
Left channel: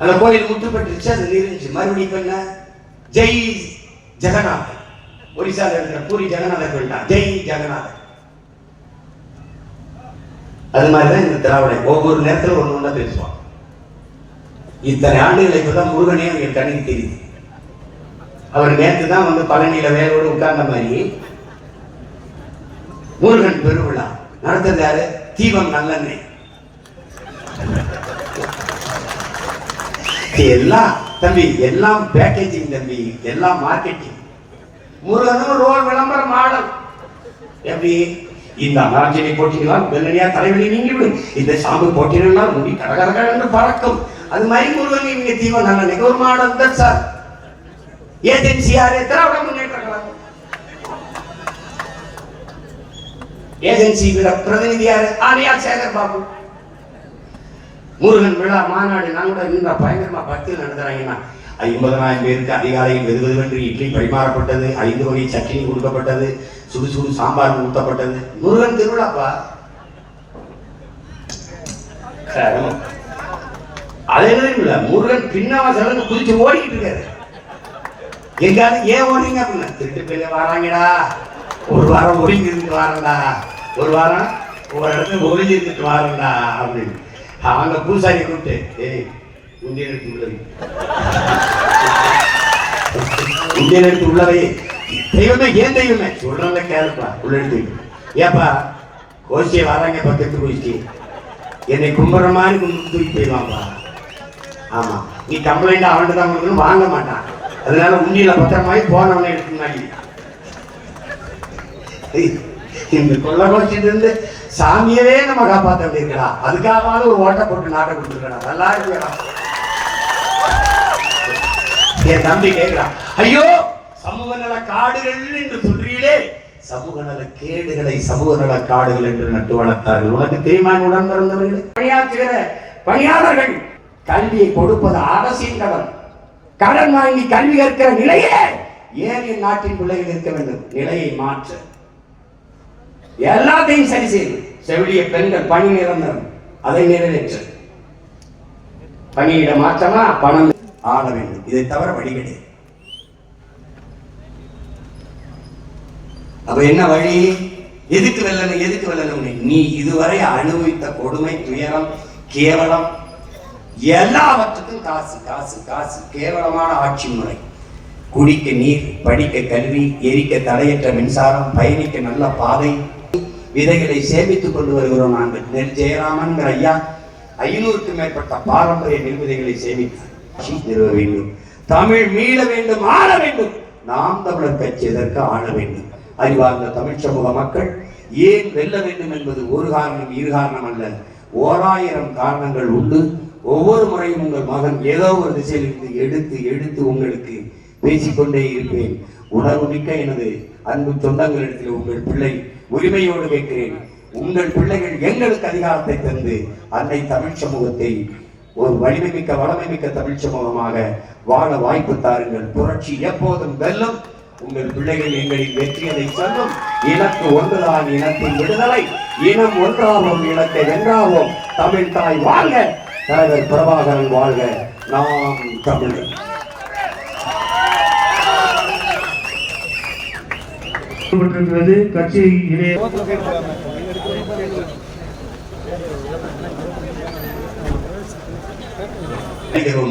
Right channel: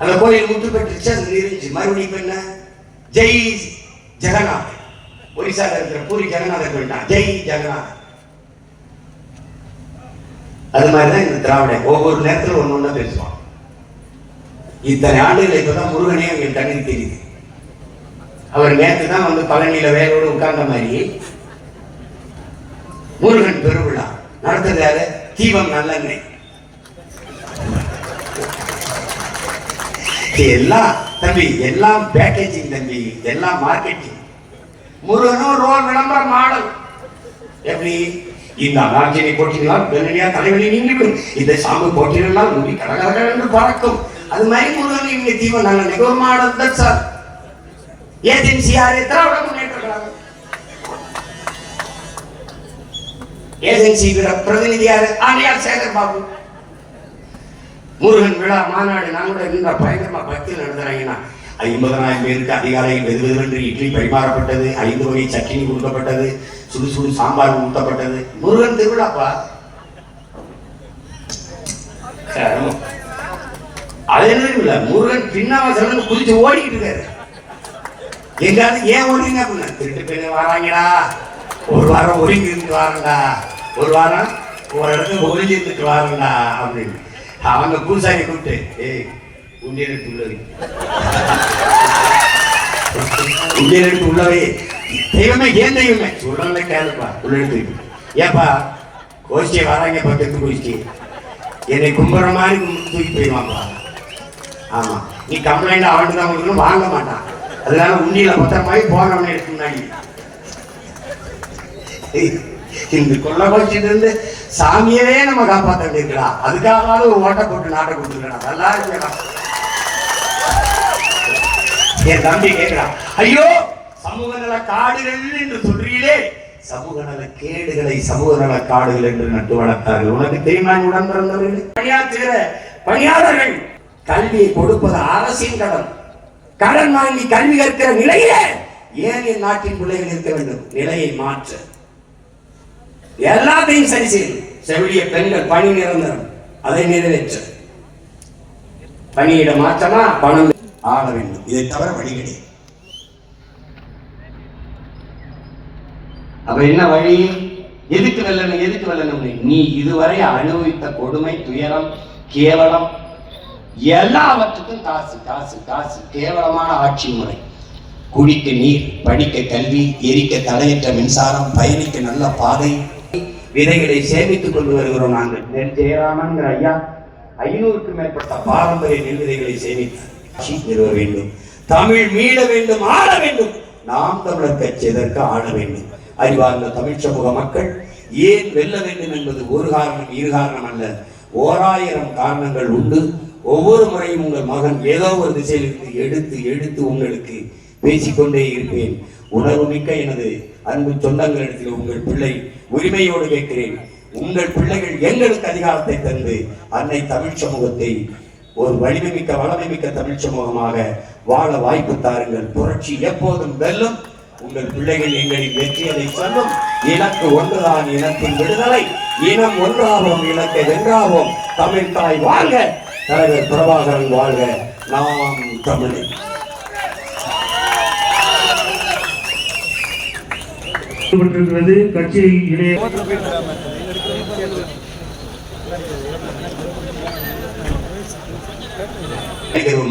அந்த கோயில் முற்று பெற்றுச்சு, அது நீரிச்சு. மறுபடியும் என்ன ஜெய் ஜெகநாத், ஒரிசால இருக்கிற பூரி ஜெகநாதர் போயிட்டான் ஜெய் ஜெகநாத். அது மாதிரிதான் இந்த திராவிட ஒவ்வொரு நேரத்தில் ஒண்ணு பேசுவான். இத்தனை ஆண்டுகளை இப்பதான் முருகனே என் கண்ணுக்கு தெரியுது. அவர் நேற்று தான் வந்து பழனியில வேரோடு உட்கார்ந்த மாதிரி முருகன் பெருவிழா நடத்துறது யாரு? தீபம் நல்லெண்ணெய். எல்லாம் தம்பி, எல்லாம் பேக்கேஜிங் தம்பி, எல்லாம் மார்க்கெட்டிங். முருகனும் ரோல் விளம்பர மாடல். எப்படி இந்த அனார்ஜினி போட்டிகளால் உடனடியா தலைவலி நீங்கிவிடும், இந்த சாம்பு போட்டிகளால் முடி கடகடகள் என்று பறக்கும். அது மாதிரி முருகன் இவங்க தீபம் நல்லெண்ணெய் ஒரு மாடல் தான் சார். ஏஜென்சி யாரு? திராவிட முன்னேற்ற கழகம். ஏஜென்சி பிரதிநிதி யாரு? ஆணையார் சேகர் பாபு. முருகன் விழா மாநாடு நான் கூட நின்ற பயங்கரமா பக்தியில் நடத்துறாங்கன்னா 50,000 பேருக்கு அதிகாலையில் வெதுவென்று இட்லி பரிமாறப்பட்டது, 5 வகை சட்னி கொடுக்கப்பட்டது, சுடு சுடு சாம்பார் ஊட்டப்பட்டது. முருகன் திருவிழாப்பா. அது என்ன முருகன் பின்னவாசல் குதிச்சு ஓடிக்கிட்டு இருக்காரு. எங்காவது ஏன் ஓடுறீங்க அப்படின்னா திருட்டு பெண்ணு வராங்கடா, ஒரு வாரம் ஒதுங்கி இருந்துட்டு வாரண்டா, ஒரு வாரம் ஒரு இடத்துல ஒளிஞ்சு இருந்துட்டு வாரண்டா அப்படின்னு அவங்க பூசாரி கூப்பிட்டு உண்டியல் எடுத்து உள்ளது, உண்டியல் எடுத்து உள்ளவே தெய்வமே ஏன் தெய்வமே சொல்றத கேளுப்பா உள்ள எடுத்து. ஏப்பா கோஷ்டியை வராங்க பக்கத்து கோஷ்டி என்னை கும்புற மாதிரி தூக்கி போயிடுவாப்பா. ஆமா நீ கம்ப்ளைண்ட் அவன்ட்டு தான் உங்களுக்கு வாங்க மாட்டான். அதனால உண்டியில பத்திரமாயி போனவனே எடுத்து முன்னாடி இந்த கொள்ள கோஷ்டிட்டு இருந்து சாமியவே நம்ம காப்பாற்ற வேண்டியிருக்கா. அதுக்காக ஒரு ஓட்டை போட்டு நாட்டை கொடுத்துருக்கா. நல்லா இருக்கா? என் தம்பி கேட்கிறான், ஐயோ சமூக நல காடுகள் என்று சொல்றீங்களே, சமூக நல கேடுகளை சமூக நல காடுகள் என்று நட்டு வளர்த்தார்கள். உனக்கு தெரியுமா உடன் பிறந்தவர்கள் பணியாற்றுகிற பணியாளர்கள் கல்வியை கொடுப்பது அரசின் கடன். கடன் வாங்கி கல்வி கற்கிற நிலையிலே ஏன் என் நாட்டின் பிள்ளைகள் இருக்க வேண்டும்? நிலையை மாற்ற எல்லாத்தையும் சரி செய்யும். செவிலிய பெண்கள் பணி நிரந்தரம், அதை நிறைவேற்ற பணியிட மாற்றமா பணம் ஆள வேண்டும். இதை தவிர வழி கிடையாது. அப்ப என்ன வழி? எதுக்கு வெல்லணும்? நீ இதுவரை அனுபவித்த கொடுமை, துயரம், கேவலம் எல்லாவற்றுக்கும் காசு காசு காசு. கேவலமான ஆட்சி முறை. குடிக்க நீர், படிக்க கல்வி, எரிக்க தடையற்ற மின்சாரம், பயணிக்க நல்ல பாதை, விதைகளை சேமித்துக் கொண்டு வருகிறோம் நாங்கள். நெல் ஜெயராமன் ஐயா 500க்கும் மேற்பட்ட பாரம்பரிய நெல் விதைகளை சேமித்தார். நிறுவ வேண்டும், தமிழ் மீள வேண்டும், ஆள வேண்டும். நாம் தமிழர் கட்சி எதற்கு ஆள வேண்டும்? அறிவார்ந்த தமிழ் சமூக மக்கள் ஏன் வெல்ல வேண்டும் என்பது ஒரு காரணம், இரு காரணம் அல்ல, 1000 காரணங்கள் உண்டு. ஒவ்வொரு முறையும் உங்கள் மகன் ஏதோ ஒரு திசையிலிருந்து எடுத்து எடுத்து உங்களுக்கு பேசிக்கொண்டே இருப்பேன். உணர்வு மிக்க எனது அன்பு சொந்தங்களிடத்தில் உங்கள் பிள்ளை உரிமையோடு கேட்கிறேன். உங்கள் பிள்ளைகள் எங்களுக்கு அதிகாரத்தை தந்து அன்னை தமிழ் சமூகத்தை ஒரு வலிமை மிக்க வளமை மிக்க தமிழ் சமூகமாக வாழ வாய்ப்பு தாருங்கள். புரட்சி எப்போதும் வெல்லும். உங்கள் பிள்ளைகள் எங்களின் வெற்றியதை சொல்லும். இலக்கு ஒன்றுதான், இனத்தின் விடுதலை. இனம் ஒன்றாவோம், இலக்கை வென்றாவோம். தமிழ் தாய் வாழ்க, தலைவர் பிரபாகரன் வாழ்க, நாம் தமிழர். கட்சி இடையே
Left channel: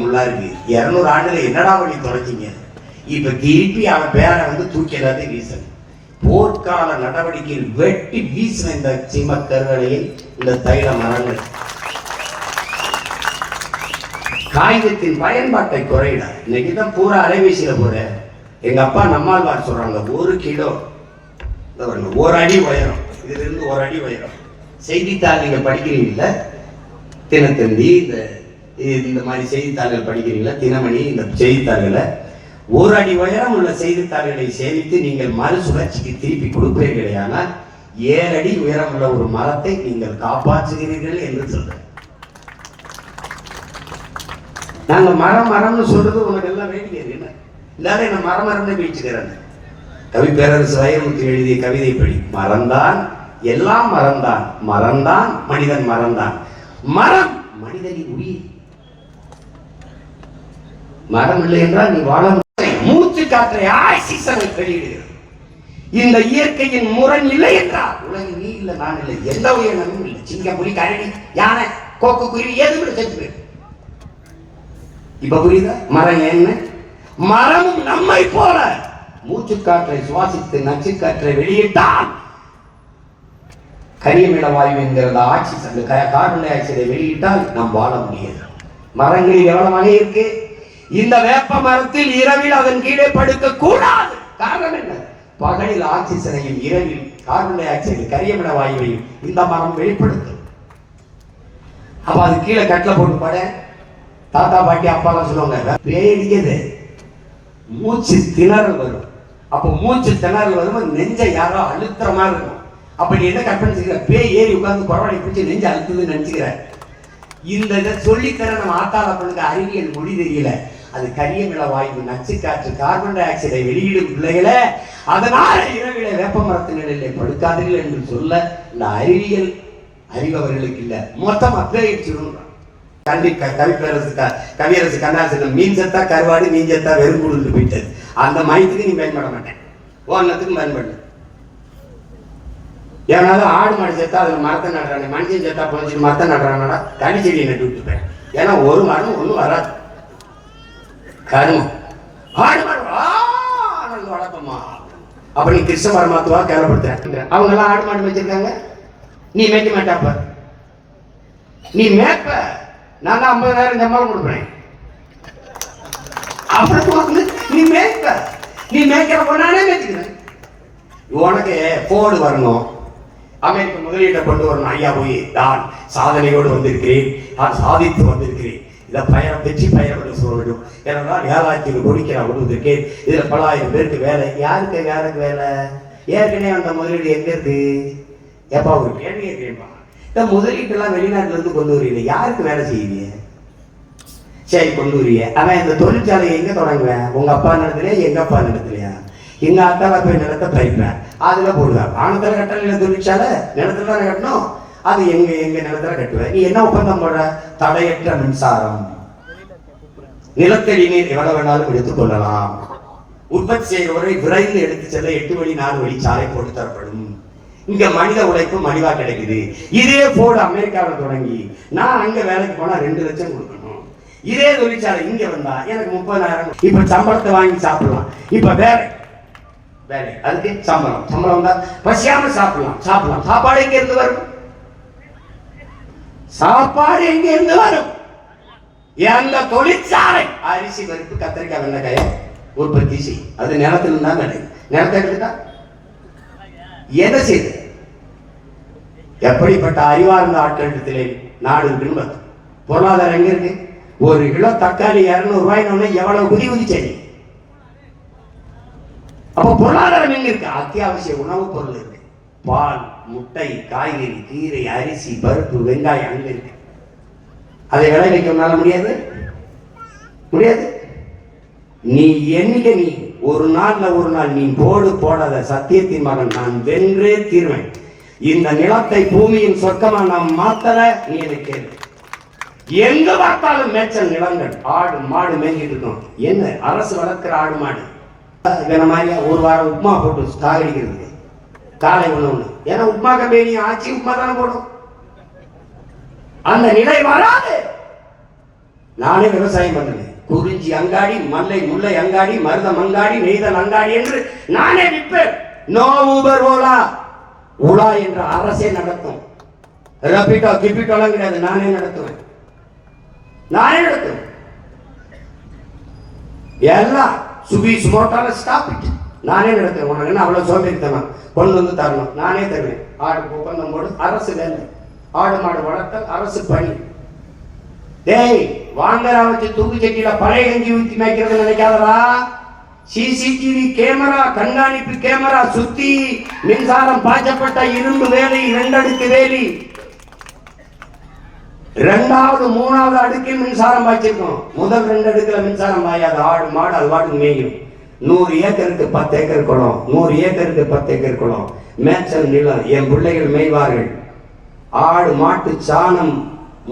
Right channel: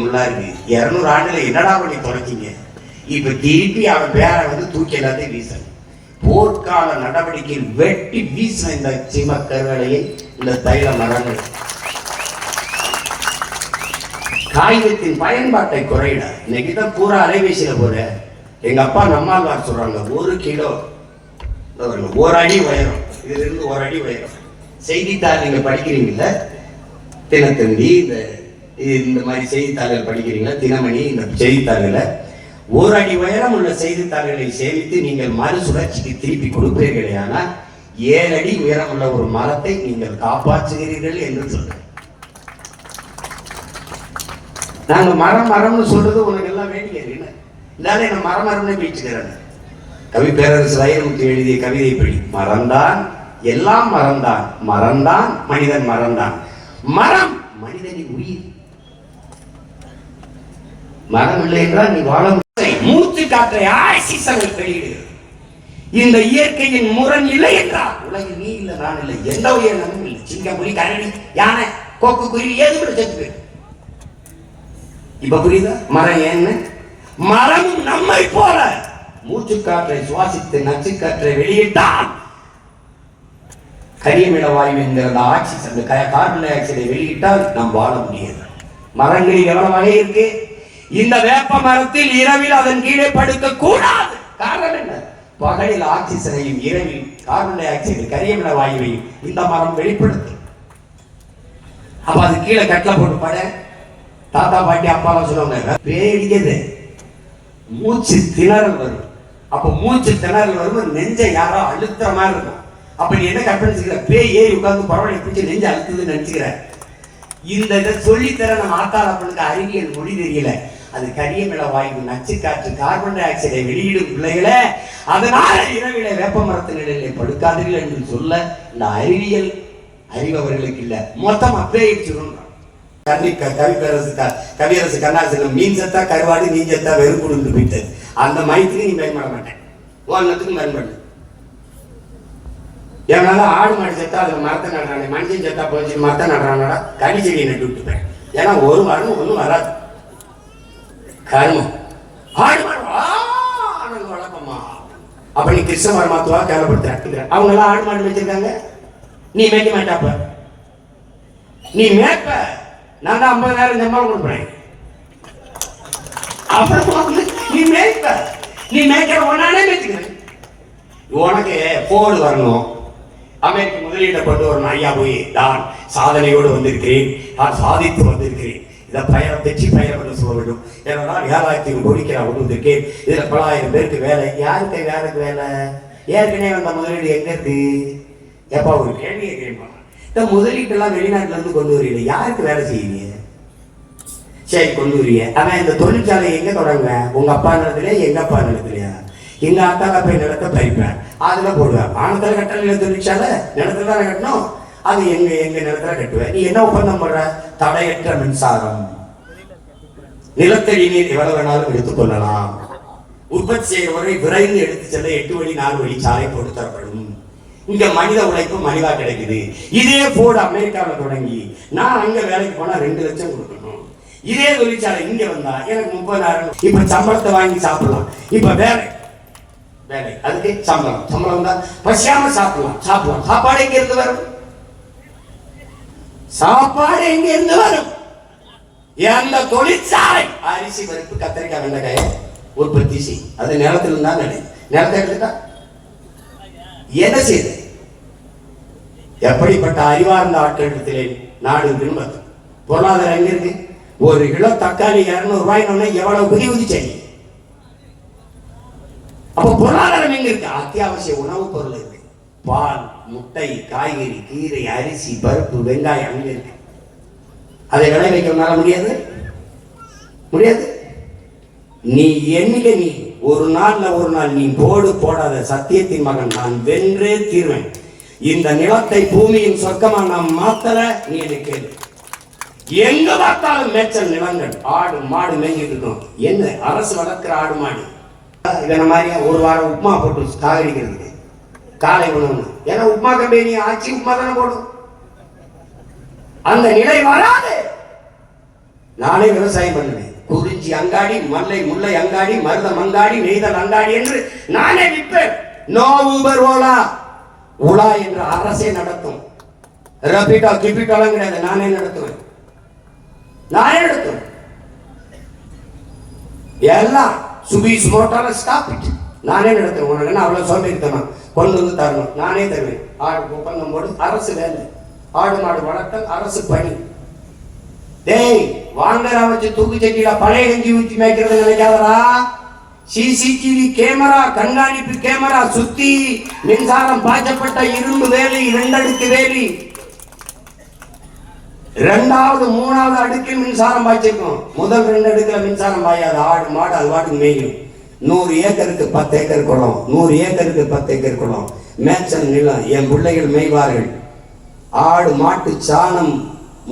முன்னாடி 200 ஆண்டுல என்னடா பண்ணி தொடங்கிங்க? இப்ப திருப்பி அவன் பேரை தூக்கி எல்லாத்தையும் வீசணும். போர்க்கால நடவடிக்கையில் வெட்டி வீசின இந்த சீம கருவளையை, இந்த தைல மரங்கள் காகிதத்தின் பயன்பாட்டை குறையிட. இன்னைக்குதான் பூரா அலைபேசியில போற. எங்க அப்பா நம்மாழ்வார் சொல்றாங்க, 1 கிலோ 1 அடி உயரம், இதுல இருந்து 1 அடி உயரம். செய்தித்தாள் நீங்க படிக்கிறீங்கல்ல, தினத்தந்தி இந்த மாதிரி செய்தித்தாள்கள் படிக்கிறீங்களா, தினமணி இந்த செய்தித்தாள்கள 1 அடி உயரம் உள்ள செய்தித்தாள்களை சேமித்து நீங்கள் மறுசுழற்சிக்கு திருப்பி கொடுப்பீர்களே, ஆனால் 7 அடி உயரம் உள்ள ஒரு மரத்தை நீங்கள் காப்பாற்றுகிறீர்கள் என்று சொல்றேன். நாங்க மரம்னு சொல்றது உனக்கு எல்லாம் வேண்டிய இல்லாத என்ன மரம்னு பேச்சுக்கிறாங்க. கவி பேரரசு வைரமுத்து எழுதிய கவிதை படி, மறந்தான் எல்லாம் மறந்தான், மறந்தான் மனிதன் மறந்தான். மரம் மனிதனின் உயிர். மரம் இல்லை என்றால் நீ வாழ மூச்சு காற்றை ஆக்சிஜனை வெளியிடுகிறது. இந்த இயற்கையின் முரண் இல்லை என்றால் உலகில் நீ இல்லை, நான் இல்லை, எந்த உயிரினமும் இல்லை. சிங்கம், புலி, கரடி, யானை, கோக்கு, குருவி எது கூட செத்து. இப்ப புரியுதா மரம் என்ன? மரமும் நம்மை போல மூச்சு காற்றை சுவாசித்து நச்சு காற்றை வெளியிட்டால் கரியமில வாயு என்கிற ஆக்சிஜன், கார்பன் டை ஆக்சைடை வெளியிட்டால் நாம் வாழ முடியாது. மரங்களில் எவ்வளவு வகை இருக்கு. இந்த வேப்ப மரத்தில் இரவில் அதன் கீழே படுக்க கூடாது. காரணம் என்ன? பகலில் ஆக்சிஜனையும் இரவில் கார்பன் டை ஆக்சைடு கரியமில வாயுவையும் இந்த மரம் வெளிப்படுத்தும். அப்ப அது கீழே கட்டில போட்டு பட. தாத்தா பாட்டி அப்பாலாம் சொல்லுவாங்க, பேடிக்குது, மூச்சு திணறல் வரும். அப்ப மூச்சு திணறல் வரும், நெஞ்சை யாரோ அழுத்துற மாதிரி இருக்கும். அப்ப நீ என்ன கற்பனை, பேய் ஏறி உட்கார்ந்து பரவாயில்லை பிடிச்சி நெஞ்சு அழுத்துதுன்னு நினைச்சுக்கிற. இந்த இதை சொல்லித்தர நம்ம ஆத்தாளப்பனுக்கு அறிவியல் மொழி தெரியல. அது கரியமில வாயு, நச்சு காற்று, கார்பன் டை ஆக்சைடை வெளியிடும் பிள்ளைகளை. அதனால இரவில வேப்ப மரத்து நிலையில படுக்காதீர்கள் என்று சொல்ல இந்த அறிவியல் அறிவவர்களுக்கு இல்ல, மொத்தம் அப்பே சொல்லணும். கவியரசு கண்ணாசன் மீன் செத்தா கருவாடு, மீன் செத்தா வெறும் போயிட்டது. அந்த மயத்துக்கு நீ பயன்பட மாட்டேன், ஒன்னத்துக்கும் பயன்படு. எவனாலும் ஆடு மாடு செத்தா அதுல மரத்தை நடுறானே, மனுஷன் செத்தா போச்சு மரத்தை நடுறானடா, கனி செடியை நட்டு விட்டுப்பேன். ஏன்னா ஒரு மரம் ஒன்றும் வராது. கருமம் ஆடு மாடு வளர்ப்பமா. அப்ப நீ கிருஷ்ண மரமாத்துவா கேவலப்படுத்துற. அவங்க எல்லாம் ஆடு மாடு வச்சிருக்காங்க, நீ மேய்க்க மாட்டாப்ப. நீ மேய்ப்ப, நான் தான் 50,000 சம்பளம் கொடுப்பேன். அப்புறம் நீ மேய்ப்ப, நீ மேய்க்கிற ஒன்னானே மேய்ச்சுக்கிறேன். உனக்கு போர்டு வரணும், அமெரிக்க முதலீட்டை கொண்டு வரணும். ஐயா போய் நான் சாதனையோடு வந்திருக்கிறேன், நான் சாதித்து வந்திருக்கிறேன். இதை வெற்றி பயணம் என்று சொல்ல வேண்டும். ஏன்னா 7,000 கோடிக்கு நான் விடுவதற்கே இதுல பல ஆயிரம் பேருக்கு வேலை. யாருக்கு வேலை? ஏற்கனவே அந்த முதலீடு எங்க இருக்கு? எப்பா ஒரு கேள்வி கேட்கிறேன்ப்பா, இந்த முதலீட்டெல்லாம் வெளிநாட்டுல இருந்து கொண்டு வரீங்க, யாருக்கு வேலை செய்வீங்க? சரி கொண்டு வரீங்க, அவன் இந்த தொழிற்சாலையை எங்க தொடங்குவேன்? உங்க அப்பா நிலத்திலேயே, எங்க அப்பா நிலத்திலையா? எங்க அக்காவை போய் நிலத்தை பறிப்பேன், அதுல போடுவேன். வானத்துல கட்டல தொழிற்சாலை, நிலத்துல தானே கட்டணும். அது எங்க நிலத்துல கட்டுவேன். நீ என்ன ஒப்பந்தம் போடுற? தடையற்ற மின்சாரம், நிலத்தடி நீர் எவ்வளவு வேணாலும் எடுத்துக் கொள்ளலாம், உற்பத்தி செய்கிறவரை விரைந்து எடுத்து செல்ல 8 வழி 4 வழி சாலை போட்டு தரப்படும். இங்க மனித உழைப்பு மலிவா கிடைக்குது. இதே போர்டு அமெரிக்காவில் தொடங்கி நான் அங்க வேலைக்கு போனா 2 லட்சம் கொடுக்கணும். இதே தொழிற்சாலை இங்க வந்தா எனக்கு 30,000. இப்ப சம்பளத்தை வாங்கி சாப்பிடலாம். இப்ப வேலை அதுக்கு சம்பளம் தான். பசியாம சாப்பிடலாம். சாப்பாடு எங்க இருந்து வரும்? எந்த தொழிற்சாலை அரிசி பருப்பு கத்திரிக்காய் வெண்டைக்காய உற்பத்தி செய், அது நிலத்துல தான் நிலத்தை எடுத்துட்டா என்ன செய்த? எப்படிப்பட்ட அறிவார்ந்த ஆட்களிடத்திலே நாடு இருக்குன்னு பார்த்து. பொருளாதாரம் எங்க இருக்கு? 1 கிலோ தக்காளி 200 ரூபாய்னு எவ்வளவு குதி செய்ய. அப்ப பொருளாதாரம் எங்க இருக்கு? அத்தியாவசிய உணவுப் பொருள் இருக்கு. பால், முட்டை, காய்கறி, கீரை, அரிசி, பருப்பு, வெங்காயம் அங்க இருக்கு. அதை விளைவிக்க முடியாது. நீ என்னைக்கு நீ ஒரு நாள் நீ போடாத சத்தியத்தின் மகன் நான் வென்றே தீர்வேன். இந்த நிலத்தை பூமியின் சொர்க்கமா நாம் மாத்தல. நீ என்னை கேள்வி, எங்க பார்த்தாலும் மேய்ச்சல் நிலங்கள், ஆடு மாடு மேய்ஞ்சிட்டு இருக்கும். என்ன அரசு வளர்க்கிற ஆடு மாடு? இவன மாதிரியா ஒரு வாரம் உப்புமா போட்டு சாகடிக்கிறதுக்கு காலை உணவு. ஏன்னா உப்புமா கம்பெனி ஆட்சி உப்புமா தானே போடும். அந்த நிலை வராது. நானே விவசாயம் பண்ணுவேன். குறிஞ்சி அங்காடி, முல்லை அங்காடி, மருதம் அங்காடி, நெய்தல் அங்காடி என்று நானே விற்பேன். No Uber Ola. உலா என்ற அரசே நடத்தும். ரபிட்டோ கிபிட்டோலாம் கிடையாது. நானே நடத்துவேன். எல்லாம் சுபீஸ் மோட்டார் ஸ்டாப் இட். நானே நடத்துவேன். உனக்கு என்ன அவ்வளவு சோம்பேறித்தனம்? கொண்டு வந்து தரணும், நானே தருவேன். ஆடு ஒப்பந்தம் போடு, அரசு வேலை. ஆடு மாடு வளர்த்தல் அரசு பணி. டேய் வாங்கரா வச்சு தூக்கு சட்டியில பழைய கஞ்சி ஊற்றி மேய்க்கிறது நினைக்காதரா. சிசிடிவி கேமரா, கண்காணிப்பு கேமரா சுத்தி மின்சாரம் பாய்ச்சப்பட்ட இரும்பு வேலி, 2 அடுக்கு வேலி, 2வது 3வது அடுக்கில் மின்சாரம் பாய்ச்சிருக்கும். முதல் 2 அடுக்குல மின்சாரம் பாயாது. ஆடு மாடு அது பாட்டுக்கு மேயும். 100 ஏக்கருக்கு 10 ஏக்கர் குளம், 100 ஏக்கருக்கு 10 ஏக்கர் குளம், மேய்ச்சல் நிலம். என் பிள்ளைகள் மேய்வார்கள். ஆடு மாட்டு சாணம்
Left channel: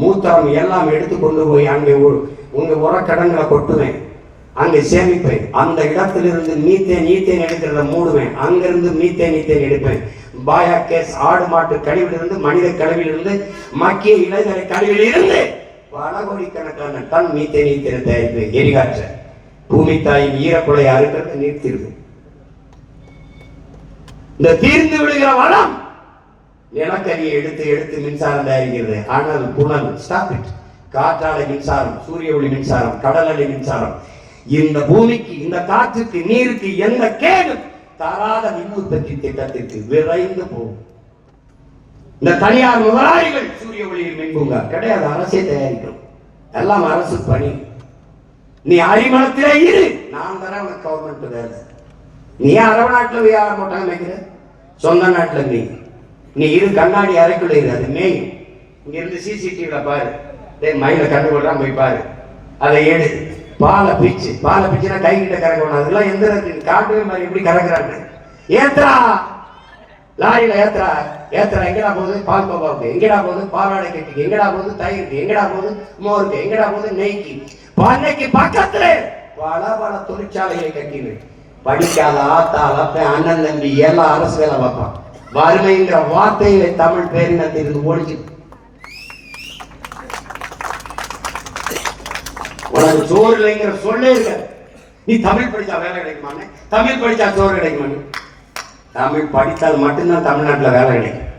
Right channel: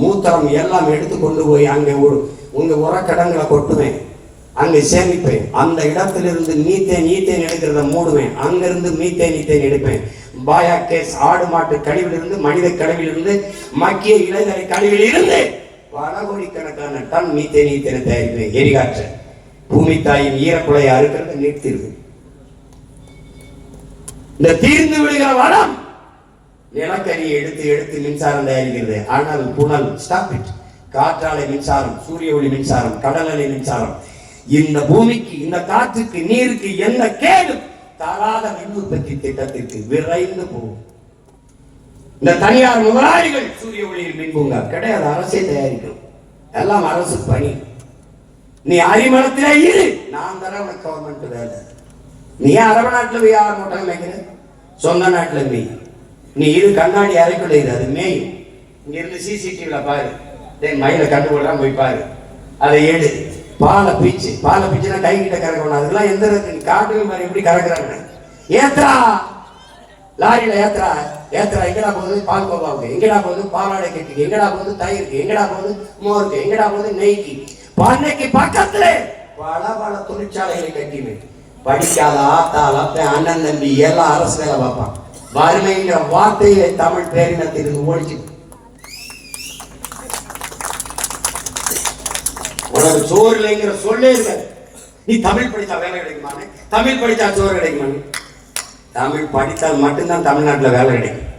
மூத்திரம் எல்லாம் எடுத்து கொண்டு போய் அங்கே உங்க உரக்கடங்களை கொட்டுவேன், அங்கே சேமிப்பேன். அந்த இடத்திலிருந்து மீத்தேன் எடுக்கிறத மூடுவேன். அங்கிருந்து மீத்தேன் எடுப்பேன். பாயா கேஸ் ஆடு மாட்டு கழிவிலிருந்து, மனித கழிவிலிருந்து, மக்கிய இளைஞரை கழிவிலிருந்து பல கோடிக்கணக்கான டன் மீத்தேன் தயாரிப்பேன். எரிகாற்ற பூமி தாயின் ஈரக்குலையை அறுக்கிறது நீர்த்திருக்கு. இந்த தீர்ந்து விடுகிற வளம் நிலக்கரியை எடுத்து மின்சாரம் தயாரிக்கிறது. ஆனால் புனல் ஸ்டாப் இட். காற்றாலை மின்சாரம், சூரிய ஒளி மின்சாரம், கடல் அலை மின்சாரம். இந்த பூமிக்கு, இந்த காற்றுக்கு, நீருக்கு எந்த கேடு தராத மின் உற்பத்தி திட்டத்திற்கு விரைந்து போகும். இந்த தனியார் முதலாளிகள் சூரிய ஒளியில் மின்பூங்கா கிடையாது, அரசே தயாரிக்கும். எல்லாம் அரசு பணி. நீ அறிமணத்திலே இரு, நான் தர உனக்கு கவர்மெண்ட் வேலை. நீ அரபு நாட்டில் போய் ஆட மாட்டாங்க நினைக்கிற, சொந்த நாட்டில் போய் நீ இரு. கண்ணாடி அறைக்குள்ள இரு, அது மேயும். இங்க இருந்து சிசிடிவில பாரு, மயில கண்டுகொள்றான் போய் பாரு, அதை எடு. பாலை பிச்சுனா கை கிட்ட கறக்கணும். அதெல்லாம் எந்த காட்டு மாதிரி இப்படி கறக்குறாங்க. ஏத்துறா லாரியில ஏத்துறா எங்கடா போகுது? பால் கோவாவுக்கு. எங்கடா போகுது? பாலாடை கட்டிக்கு. எங்கடா போகுது? தயிருக்கு. எங்கடா போகுது? மோருக்கு. எங்கடா போகுது? நெய்க்கு. பண்ணைக்கு பக்கத்துல பல தொழிற்சாலைகளை கட்டினு. படிக்காத ஆத்தால் அப்ப அண்ணன் தம்பி எல்லாம் அரசு வேலை பார்ப்பான். வறுமைங்கிற வார்த்தையை தமிழ் பேரினத்திலிருந்து ஓடிச்சு. உனக்கு சோறு இல்லைங்கிற சொல்லே இருக்க. நீ தமிழ் படிச்சா வேலை கிடைக்குமான்னு, தமிழ் படிச்சா சோறு கிடைக்குமான்னு. தமிழ் படித்தால் மட்டும்தான் தமிழ்நாட்டில் வேலை கிடைக்கும்.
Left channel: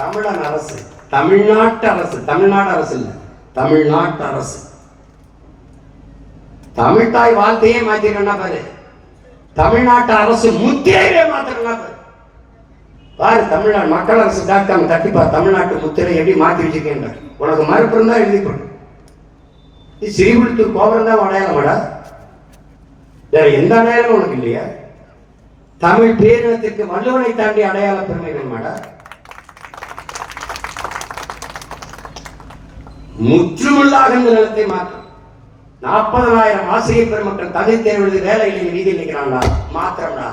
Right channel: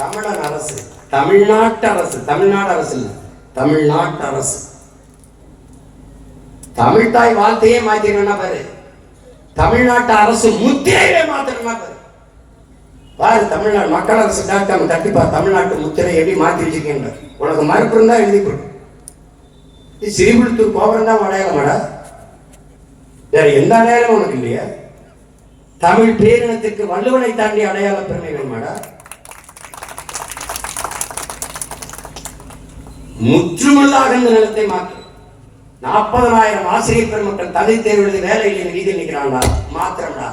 தமிழன் அரசு, தமிழ்நாட்டு அரசு, தமிழ்நாடு அரசு இல்ல, தமிழ்நாட்டு அரசு. தமிழ் தாய் வாழ்த்தையே மாத்திரன்னா பாரு, தமிழ்நாட்டு அரசு முத்திரையே மாத்திரன்னா பாரு. பாரு தமிழ்நாடு மக்கள் அரசு டாக்டர் தட்டிப்பா தமிழ்நாட்டு முத்திரை எப்படி மாற்றி வச்சிருக்கேன். உனக்கு மறுப்பு இருந்தா எழுதி போடு. ஸ்ரீவில்லிபுத்தூர் கோபுரம் தான் அடையாளமாடா, வேற எந்த அடையாளம் உனக்கு இல்லையா? தமிழ் பேரினத்திற்கு வள்ளுவனை தாண்டி அடையாள பெருமை வேணுமாடா? முற்றுமுள்ளாக இந்த நிலத்தை மாற்றும். 40,000 ஆசிரியர் பெருமக்கள் தகுதி தேர்வு எழுதி வேலையில் வீதியில் நிற்கிறாங்களா? மாத்திரம்டா.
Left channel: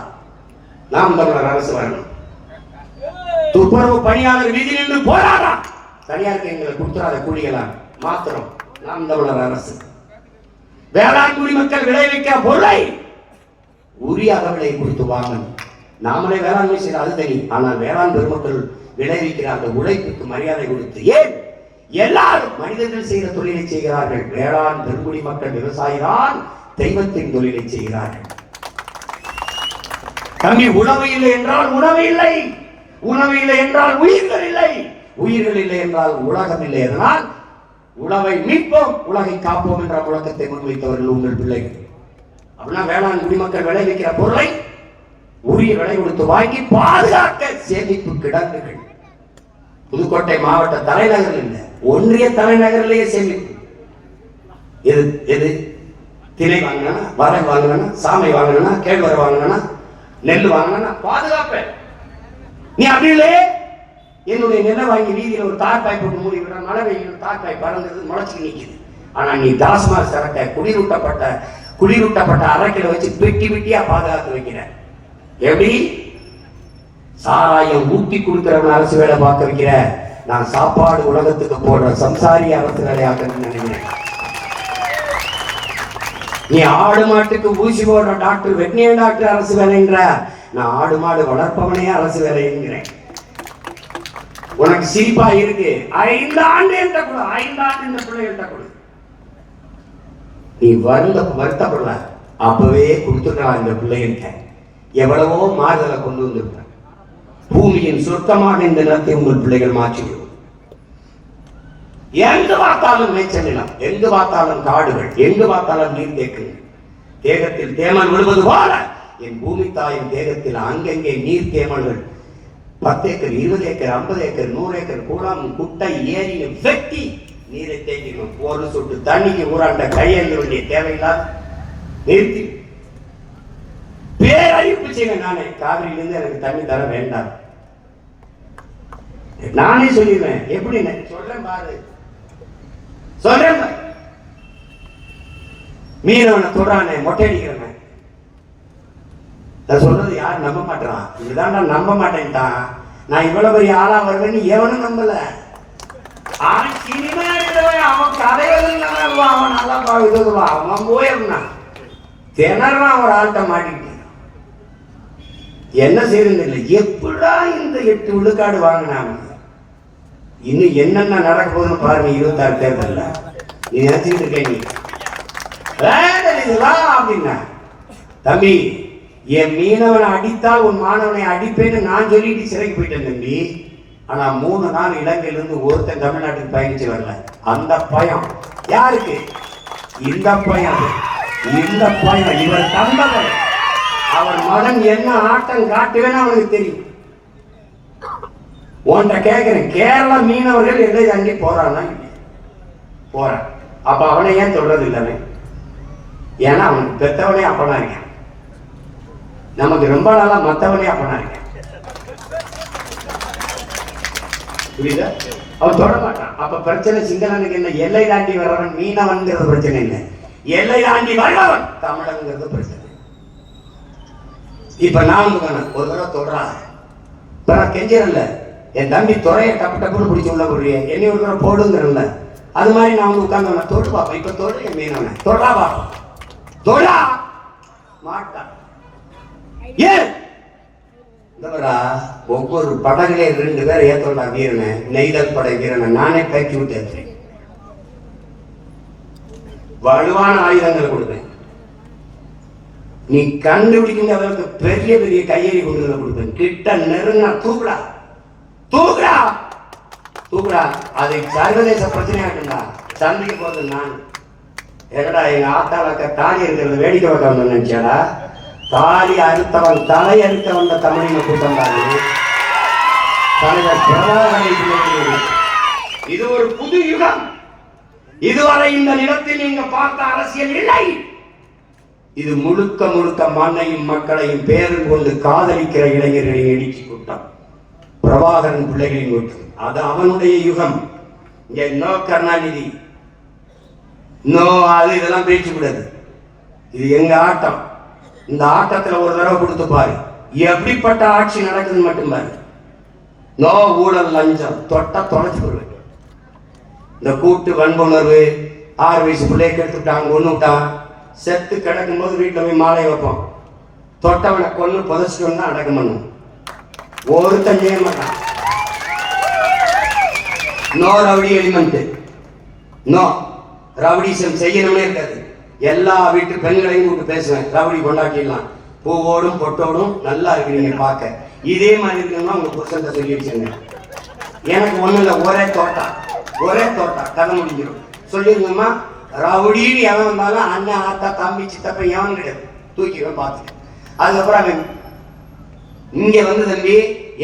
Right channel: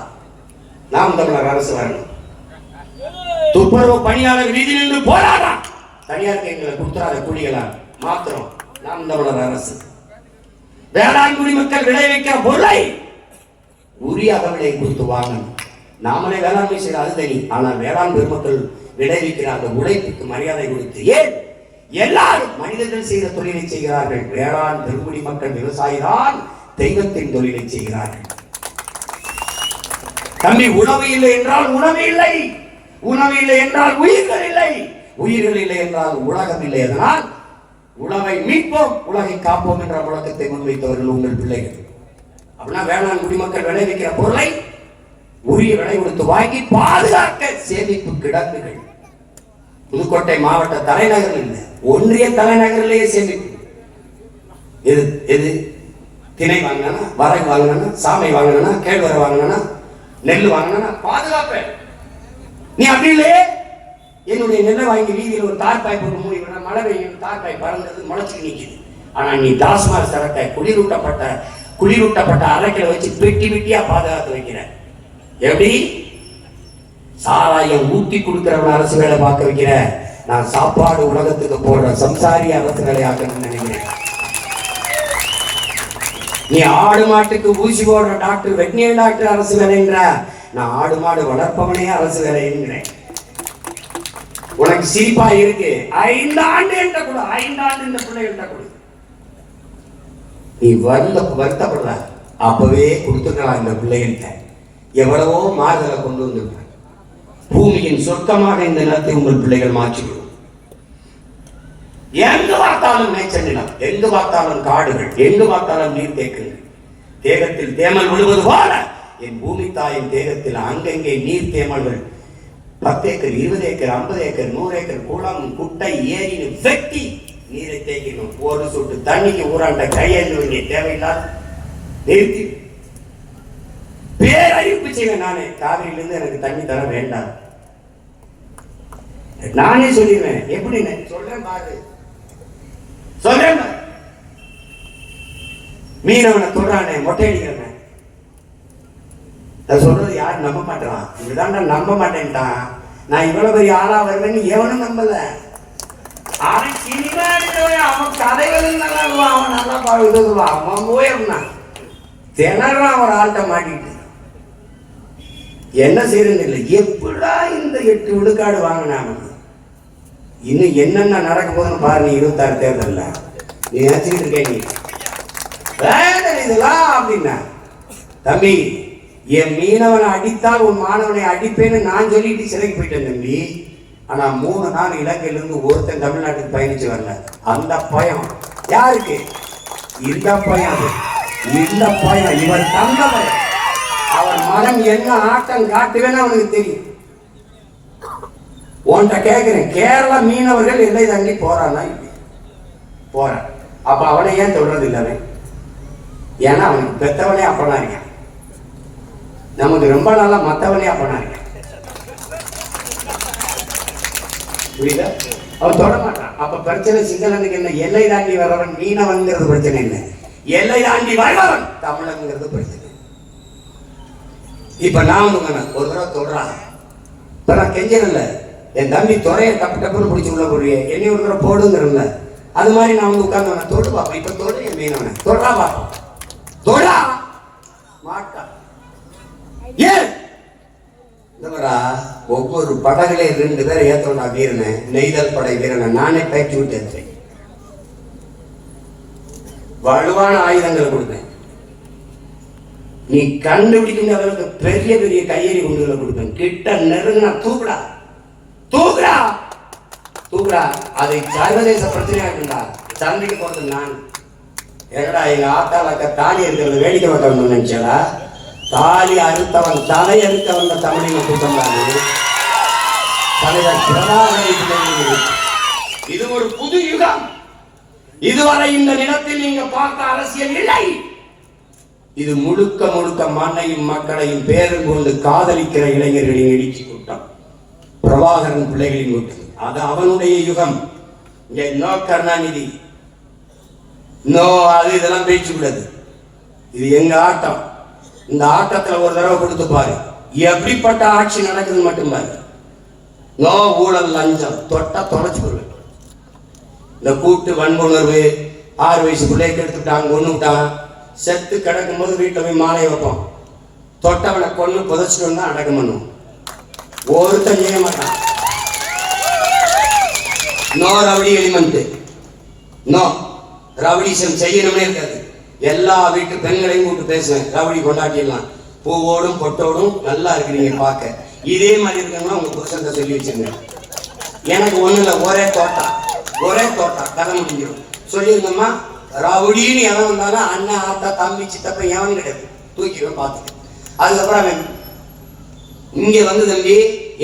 நாம் தமிழர் அரசு வரணும். துப்புரவு பணியாளர் வீதியில் நின்று போராடலாம். தனியாருக்கு எங்களை கொடுத்துறாத கூலிகளா? மாத்திரம். நாம் தமிழர் அரசு வேளாண் குடிமக்கள் விளைவிக்கிற பொருளை உரிய அகவிலை கொடுத்து வாங்கணும். நாமளே வேளாண்மை செய்ய அது தனி. ஆனால் வேளாண் பெருமக்கள் விளைவிக்கிற அந்த உழைப்புக்கு மரியாதை கொடுத்து, ஏன் எல்லாரும் மனிதர்கள் செய்கிற தொழிலை செய்கிறார்கள், வேளாண் பெருங்குடி மக்கள் விவசாயிதான் தெய்வத்தின் தொழிலை செய்கிறார்கள். தம்பி, உணவு இல்லை என்றால் உணவு இல்லை, உணவு இல்லை என்றால் உயிர்கள் இல்லை, உயிர்கள் இல்லை என்றால் உலகம் இல்லை. அதனால் உணவை மீட்போம், உலகை காப்போம் என்ற முழக்கத்தை முன்வைத்தவர்கள் உங்கள் பிள்ளைகள். அப்படின்னா வேளாண் குடிமக்கள் விளைவிக்கிற பொருளை உரிய விலை கொடுத்து வாங்கி பாதுகாக்க சேமிப்பு கிடங்குகள் புதுக்கோட்டை மாவட்ட தலைநகரில் இல்லை, ஒன்றிய தலைநகரிலேயே சேமிப்பு. எது எது திணை வாங்கினா, வரகு வாங்கினா, சாமை வாங்கினா, கேழ்வரை வாங்கினா, நெல் வாங்கினா பாதுகாப்பேன். நீ அப்படி இல்லையே, என்னுடைய நெல்லை வாங்கி வீதியில் ஒரு தார்பாய் போட்டு மூடி விடுற, மழை வெயில் தார்பாய் பறந்தது முளைச்சு நிற்குது. ஆனா நீ டாஸ்மாக் சரக்கை குளிரூட்டப்பட்ட அறைகளை வச்சு பெட்டி பெட்டியா பாதுகாத்து வைக்கிற. எப்படி சாராயம் ஊட்டி கொடுக்கிறவன் அரசு வேலை பார்க்க வைக்கிற? நான் சாப்பாடு உலகத்துக்கு போடுற சம்சாரி அரசு வேலையாக்கணும்னு நினைக்கிறேன். நீ ஆடு மாட்டுக்கு ஊசி போடுற டாக்டர், வெட்டினியர் டாக்டர் அரசு வேலைங்கிற, நான் ஆடு மாடு வளர்ப்பவனே அரசு வேலை என்கிறேன். உனக்கு சிரிப்பா இருக்கு. 5 ஆண்டு என்ற கூட, 5 ஆண்டு இந்த பிள்ளைகள்கிட்ட கொடு. நீ வருத்தப்படல, அப்பவே கொடுத்துக்கலாம். இந்த பிள்ளைகள்கிட்ட எவ்வளவோ மாறுதலை கொண்டு வந்திருக்க. பூமியின் சொர்க்கமாக இந்த நிலத்தை உங்கள் பிள்ளைகள் மாற்றிவிடும். எங்கு பார்த்தாலும் மேய்ச்சல் நிலம், எங்கு பார்த்தாலும் காடுகள், எங்கு பார்த்தாலும் நீர்த்தேக்கங்கள். தேகத்தில் தேமல் விழுவது போல என் பூமி தாயின் தேகத்தில் அங்கங்கே நீர் தேமல்கள் 10 ஏக்கர், 20 ஏக்கர், 50 ஏக்கர், 100 ஏக்கர் குளம், குட்டை, ஏரின்னு வெட்டி நீரை தேக்கணும். ஒரு சொட்டு தண்ணிக்கு ஊராண்ட கையெழுத வேண்டிய தேவையில்லாத நிறுத்தி பேரறிவிப்பு செய்வேன். நானே காவிரியிலிருந்து எனக்கு தண்ணி தர வேண்டாம், நானே சொல்லிடுவேன். எப்படி சொல்றேன் பாரு, சொல்றேன். மீனவனை தொடுறானே, மொட்டை அடிக்கிறேன். சொல்றது யாரும் நம்ப மாட்டான். இப்படிதான் நான் நம்ப மாட்டேன்ட்டான். நான் இவ்வளவு பெரிய ஆளா வருவேன்னு எவனும் நம்பல. அவன் சினிமா எடுத்தவன், அவன் கதைகள் நல்லா, அவன் நல்லா இதுவான், அவன் போயிருந்தான். திணறான் ஒரு ஆள்கிட்ட மாட்டிட்டு. என்ன செய்யறது இல்லை. எப்படா இந்த 8 விழுக்காடு வாங்கினாங்க? இன்னும் என்னென்ன நடக்க போகுதுன்னு பாருங்க. 26 தேர்தல்ல நீ நினைச்சுக்கிட்டு இருக்க. நீ இதெல்லாம் அப்படின்னா, தம்பி, என் மீனவனை அடித்தால் உன் மாணவனை அடிப்பேன்னு நான் சொல்லிட்டு சிறைக்கு போயிட்டேன் தம்பி. ஆனா 3 நாள் இலங்கையிலிருந்து ஒருத்தன் தமிழ்நாட்டுக்கு பயணிச்சு வரல. அந்த பயம் யாருக்கு? இந்த பயம், இந்த பயம் இவர் தந்தவர். அவர் மகன் என்ன ஆட்டம் காட்டுவேன்னு அவனுக்கு தெரியும். உன்கிட்ட கேட்கிறேன், கேரள மீனவர்கள் எல்லை தாண்டி போறானா? போறான். அப்ப அவனை ஏன் சொல்றது இல்லை? ஏன்னா அவனுக்கு பெத்தவனே அப்பனா இருக்கேன். நமக்கு ரொம்ப நாளா மத்தவனே அப்பனா இருக்கேன். புரியுதா? அவன் தொட மாட்டான். அப்ப பிரச்சனை சிங்களனுக்கு என்ன? எல்லை தாண்டி வர்றவன் மீனவன்கிறது பிரச்சனை இல்லை, எல்லை தாண்டி வர்றவன் தமிழங்கிறது பிரச்சனை. இப்ப நான் ஒரு தடவை தொடறான். இப்ப நான் கெஞ்சல, என் தம்பி துறையை டப்பு டப்புன்னு பிடிச்சி உள்ள போடுறிய, என்னை ஒரு தடவை போடுங்கிறல்ல. அது மாதிரி நான் வந்து உட்கார்ந்து தொட்டு பார்ப்பேன். இப்ப தொடு என் மீனவனை தொடரா பார்ப்போம். தொடா மாட்டான். ஏன் ஒவ்வொரு படகுலே 2 பேர் ஏத்தோண்டா வீரனை, நெய்தல் படை வீரனை நானே பேச்சு விட்டு ஏற்றுறேன். வலுவான ஆயுதங்கள் கொடுப்பேன். நீ கண்டுபிடிக்கும் அளவுக்கு பெரிய பெரிய கையெறி குண்டுகளை கொடுப்பேன். கிட்ட நெருங்கினா தூக்குடா, தூக்குடா, தூக்குடா. அதை சர்வதேச பிரச்சனையாக்குண்டா. சண்டைக்கு போறது நான். என்னடா எங்க ஆத்தாளாக்க தாலி இருக்கிறது வேடிக்கை பார்க்க வந்து நினைச்சாடா? தாலி அறுத்தவன் தலை அறுத்த வந்த தமிழக கூட்டம் தான். தலைவர் பிரபாகரன் பிள்ளைகள். இது ஒரு புது யுகம். இதுவரை இந்த நிலத்தில் நீங்க பார்த்த அரசியல் இல்லை. இது முழுக்க முழுக்க மண்ணையும் மக்களையும் பேரும் கொண்டு காதலிக்கிற இளைஞர்களின் எழுச்சி கூட்டம். பிரபாகரன் பிள்ளைகளின் கூட்டம். அது அவனுடைய யுகம். இங்க நோ கருணாநிதி, நோ அது இதெல்லாம் பேச்சு கூடாது. இது எங்க ஆட்டம். இந்த ஆட்டத்துல ஒரு தடவை கொடுத்து பாரு, எப்படிப்பட்ட ஆட்சி நடக்குதுன்னு மட்டும் பாரு. நோ ஊழல் லஞ்சம், தொட்டா தொலைச்சு போடுவேன். இந்த கூட்டு வன்புணர்வு, 6 வயசு பிள்ளையை கெடுத்துட்டான், கொண்டு விட்டான், செத்து கிடக்கும் போது வீட்டில் போய் மாலையை வைப்போம். தொட்டவனை கொண்டு புதைச்சிட்டு வந்தா அடக்கம் பண்ணும். ஒருத்தன் செய்ய மாட்டான். No rowdy element, no rowdyism செய்யணும்னே இருக்காது. எல்லா வீட்டு பெண்களையும் கூப்பிட்டு பேசுவேன், ரவுடி கொண்டாட்டிடலாம், பூவோடும் பொட்டோடும் நல்லா இருக்கிறீங்க பார்க்க, இதே மாதிரி இருக்கணும்னா உங்க புருஷன் சொல்லி வச்சுங்க. எனக்கு ஒண்ணு இல்லை, ஒரே தோட்டா கதை முடிஞ்சிடும். சொல்லியிருந்தோம்னா ரவுடின்னு எவன் வந்தாலும் அண்ணன் ஆத்தா தம்பி சித்தப்ப எவன் கிடையாது, தூக்கிடுவேன் பார்த்துட்டு. அதுக்கப்புறம் அவன் இங்க வந்து தம்பி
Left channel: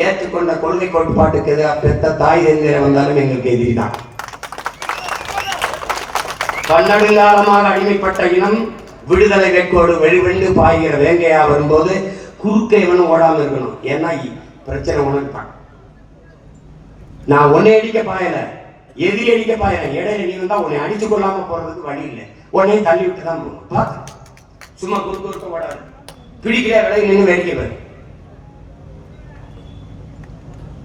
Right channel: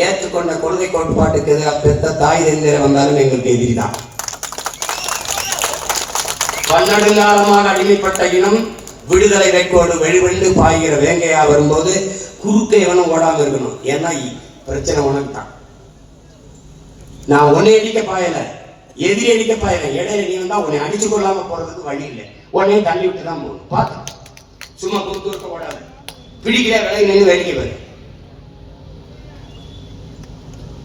ஏற்றுக்கொண்ட கொள்கை கோட்பாட்டுக்கு பெத்த தாய் தந்திர வந்தாலும் எங்களுக்கு எதிரி தான். பன்னெடுங்காலமாக அடிமைப்பட்ட இனம் விடுதலை வேட்கோடு வெளிவெண்டு பாய்கிற வேங்கையா வரும்போது குறுக்க எவனும் ஓடாம இருக்கணும். ஏன்னா பிரச்சனை உனக்கு தான். நான் உன்னை அடிக்க பாயல, எதிரி அடிக்க பாயல, இடையில நீ வந்தா உன்னை அடிச்சு கொள்ளாம போறதுக்கு வழி இல்லை. உன்னையும் தள்ளி விட்டு தான் போகும். பார்த்து சும்மா பொறுத்து ஓடாது, பிடிக்கிற விலை நின்று வேடிக்கை பாரு.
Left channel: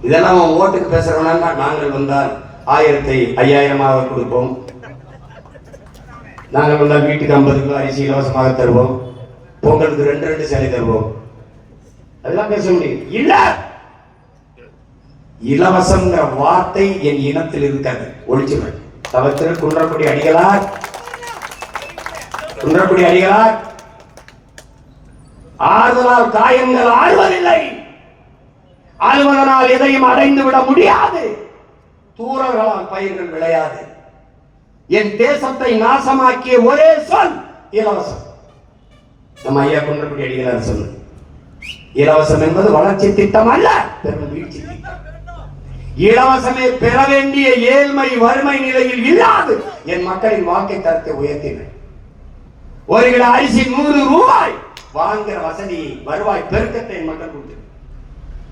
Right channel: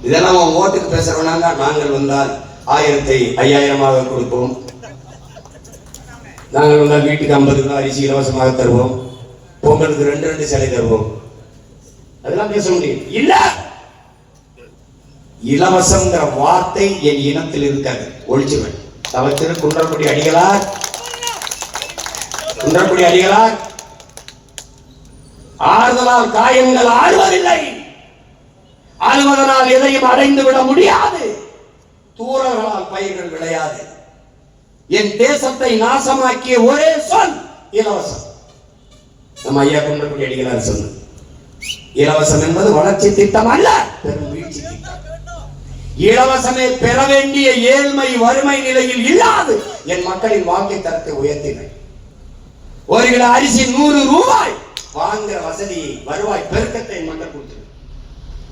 இதெல்லாம் அவன் ஓட்டுக்கு பேசுறவனா நாங்கள் வந்தால் 1000 5000 கொடுப்போம், நாங்கள் வந்தால் வீட்டுக்கு 50 கிலோ அரிசி இலவசமாக தருவோம், பொங்கலுக்கு 2 சிலை தருவோம், அதெல்லாம் பேச முடியும். இல்ல, இலவசம்ங்கிற வார்த்தை என் இனத்தில் இருக்காது, ஒழிச்சுவேன். தவத்திரு குன்றக்குடி அடிகளார் ஆறுதலால் காயங்கள் ஆறுவதில்லை, அலுவலனால் எதையும் அடைந்து விட முடியாது, தூரங்களால் பயிர்கள் விளையாது. என் தேசத்தை நாசமாக்கிய ஒரே சொல் இலவசம். நம்ம ஐயா குன்றக்குடி அடிகளார் சொன்ன இலவசம் என்பது வளர்ச்சி திட்டம் அல்ல, பெரும் வீழ்ச்சி திட்டம். இலவசமே பெற வேண்டிய ஏழ்மை வறுமை நிலையில் இல்லாது என் மக்களின் வாழ்க்கை தரத்தை உயர்த்தினேன். 1 கிலோ அரிசி 100 ரூபாய் வாங்குற வசதி வருவாய் பெருக்கத்தை மக்கள் கொடுத்து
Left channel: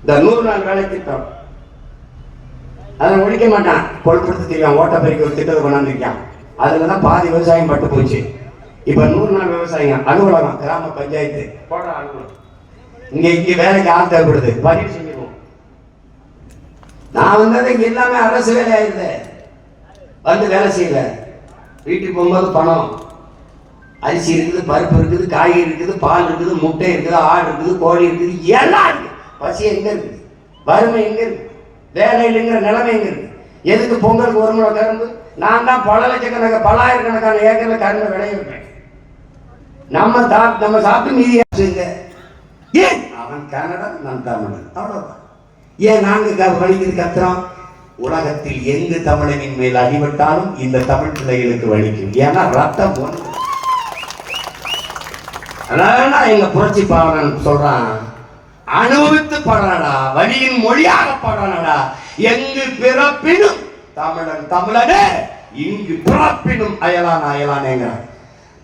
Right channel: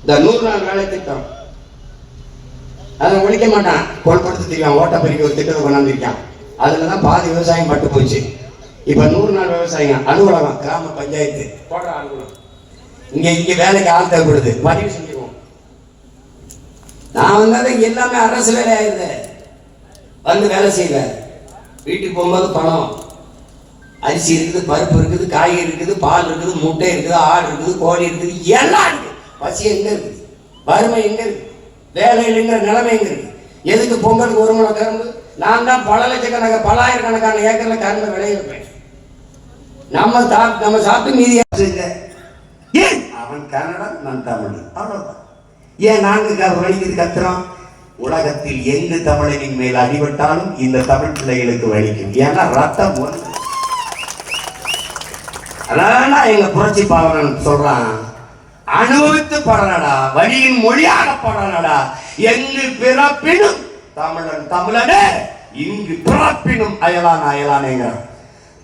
இந்த 100 நாள் வேலை திட்டம் அதை ஒழிக்க மாட்டான். கொள்படுத்தி தெரியும், ஓட்ட பெருக்கி ஒரு திட்டத்தை கொண்டாந்துருக்கான். அதுலதான் பாதி விவசாயம் பட்டு போச்சு. இப்ப 100 நாள் விவசாயம் அலுவலகம், கிராம பஞ்சாயத்து போடுற அலுவலகம், இங்க வேலைக்கு ஆள் தேவைப்படுது, பதிவு செஞ்சிருவோம். நான் வந்தது எல்லாமே அரசு வேலை ஆயிருந்த வந்து வேலை செய்யல. வீட்டுக்கு போகும்போது பணம், அரிசி இருக்குது, பருப்பு இருக்குது, காய்கறி இருக்குது, பால் இருக்குது, முட்டை இருக்குது, ஆடு இருக்குது, கோழி இருக்குது, எல்லாம் இருக்கு. பசி எங்க இருக்குது, வறுமை எங்க இருக்கு, வேலை இல்லைங்கிற நிலைமை எங்க இருக்கு? எதுக்கு பொங்கலுக்கு 1 முளை கரும்பு? நான் தான் பல லட்சக்கணக்கான 1000கணக்கான ஏக்கர்ல கரும்பு விளைவிப்பேன். நம்ம சாப்பிட்டு மீதி ஏன் அவன் கன்னடா, நான் தமிழ், அவ்வளவுதான். ஏன் நாங்க வலிக்குது கத்துறோம்? உலகத்தில் எங்கு தமிழனின் மேல் அடிபட்டாலும் இந்த தமிழ் பிள்ளைகளுக்கு வலிக்கும். ஏன்னா ரத்தம் ஒன்று. அதான் எங்க புரட்சி பாவனன் சொல்றான், அனுபவித்து படுறானடா, வழியின் மொழியாக படுறானடா. எங்கு பிறப்பினும் தமிழன் தமிழனே, இங்கு பிறப்பினும் அயலான் அயலானேங்க.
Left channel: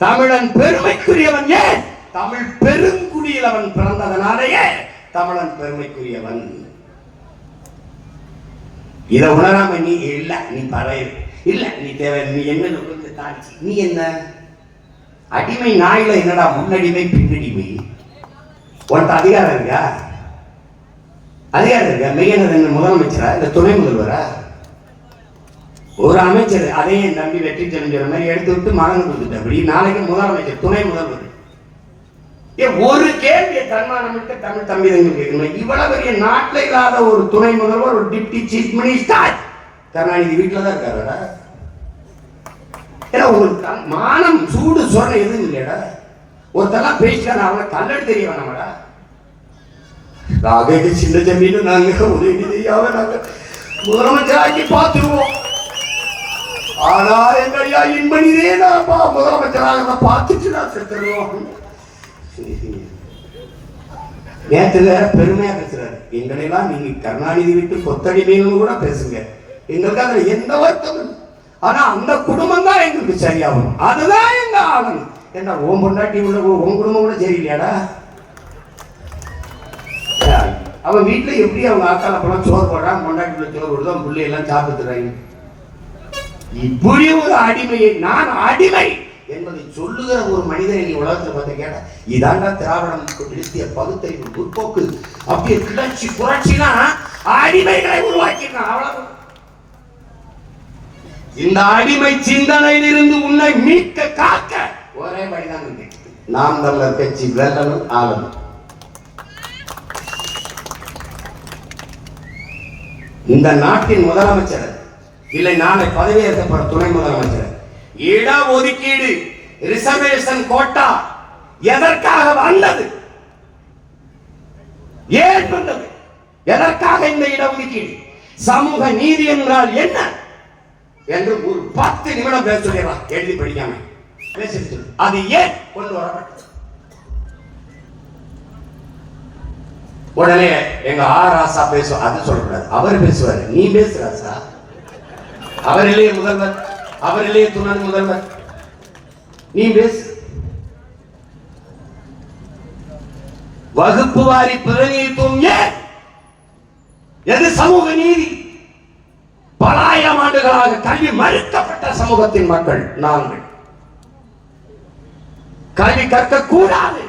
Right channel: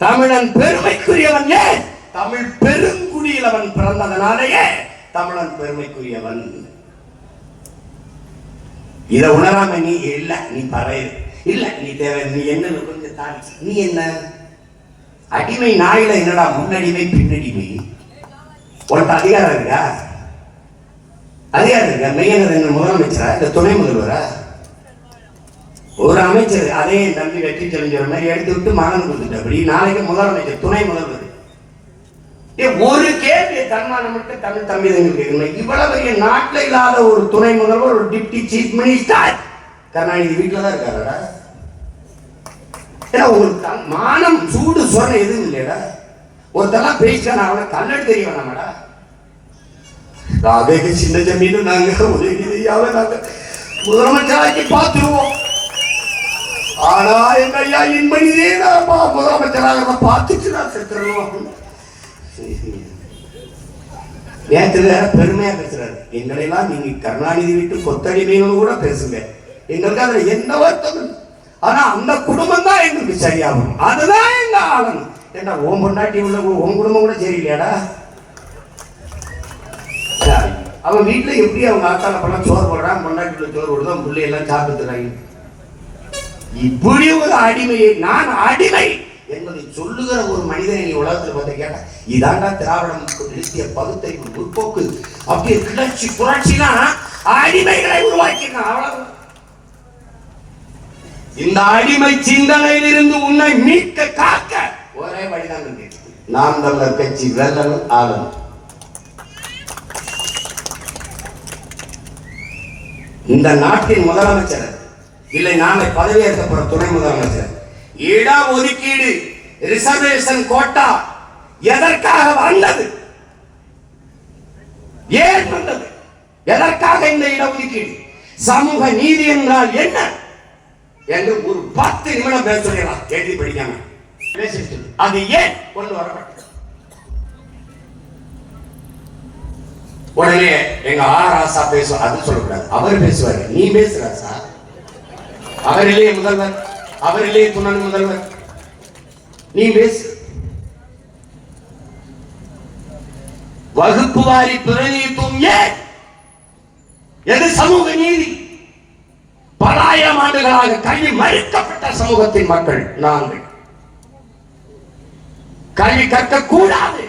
தமிழன் பெருமைக்குரியவன். ஏன்? தமிழ் பெருங்குடியில் அவன் பிறந்ததனாலேயே தமிழன் பெருமைக்குரியவன். இதை உணராம நீ இல்ல, நீ பறைய இல்ல, நீ தேவை, நீ என்ன கொஞ்சம் தாண்டி, நீ என்ன அடிமை நாயில என்னடா முன்னடிமை பின்னடிமை? உனக்கு அதிகாரம் இருக்கா? அதிகாரம் இருக்கா? மெய்யனது முதலமைச்சரா இல்ல துணை முதல்வரா? ஒரு அமைச்சர் அதே நம்பி வெற்றி தெரிஞ்ச மாதிரி எடுத்து விட்டு மகன் கொடுத்துட்டு அப்படி நாளைக்கு முதலமைச்சர் துணை முதல்வர். ஒரு கேள்வியை தன்மானம் விட்டு தமிழ் தம்பிதங்களுக்கு இருக்கணும். இவ்வளவு பெரிய நாட்டில் இல்லாத ஒரு துணை முதல்வர், ஒரு டிப்டி சீஃப் மினிஸ்டர் கருணாநிதி வீட்டில் தான் இருக்காரா? ஏன்னா உங்களுக்கு மானம் சூடு சொன்ன எதுவும் இல்லையடா. ஒருத்தெல்லாம் பேசினா அவனை கண்ணடு தெரிய வேணாமடா. அதே சின்ன ஜமீனும் நாங்க உதவி செய்யாம நாங்க முதலமைச்சராக்கி பார்த்துருவோம். ஆனா எங்க ஐயா இன்பனிதே நான் முதலமைச்சராக பார்த்துட்டு நான் செத்துருவோம். நேற்று வேற பெருமையா பேசுறாரு. எங்களெல்லாம் நீங்க கருணாநிதி வீட்டு கொத்தடிமைன்னு கூட பேசுங்க, எங்களுக்கு அதுல எந்த வருத்தம். ஆனா அந்த குடும்பம் தான் எங்களுக்கு சரியாகும், அதுதான் எங்க ஆகணும். என்ன ஓம் பொண்டாட்டி உள்ள உன் குடும்பம் கூட சரியில்லையாடா? அவன் வீட்டுல எப்படி அவங்க ஆக்கால பழம் சோறு போடுறான், பொண்டாட்டிக்குள்ள சோறு போடுறோம், பிள்ளை எல்லாம் சாப்பிட்டுறாங்க. இப்படி ஒரு அடிமையை, நான் அடிமை என்பதை சொல்லுகிற ஒரு மனிதனை நீ உலகத்தில் பார்த்து கேட்டா, இதாண்டா திராவிடம் நிறுத்திய பகுத்தறிவு முற்போக்கு. அப்படியே கிளர்ச்சி புரட்சினா அடிமைகளை உருவாக்கினான். அவ்வளவு. இந்த அடிமை சிந்தனையிலிருந்து உன்னை மீட்க காக்க ஒரே வழிதான் இருக்கு. நாம் தமிழர் கட்சி வெல்லணும், ஆளணும். இந்த நாட்டின் முதலமைச்சர் இல்லை நாளை பதவியேற்க போற துணை முதலமைச்சர், இட ஒதுக்கீடு ரிசர்வேஷன் கோட்டா எதற்காக வந்தது, ஏன் வந்தது, எதற்காக இந்த இடஒதுக்கீடு, சமூக நீதி என்றால் என்ன என்று ஒரு 10 நிமிடம் பேச சொல்லிடலாம். எழுதி படிக்காம பேசிட்டு அது ஏன் கொண்டு வரப்பட்டது. உடனே எங்க ஆராசா பேசுவார், அது சொல்லக்கூடாது, அவர் பேசுவாரு. நீ பேசுறாசா, அவர் இல்லையே முதல்வர், அவர் இல்லையே துணை முதல்வர், நீ பேசு. வகுப்பு வாரி பிரதிநிதித்துவம் ஏன், எது சமூக நீதி? பல ஆயிரம் ஆண்டுகளாக கல்வி மறுக்கப்பட்ட சமூகத்தின் மக்கள் நாங்கள். கல்வி கற்க கூடாது,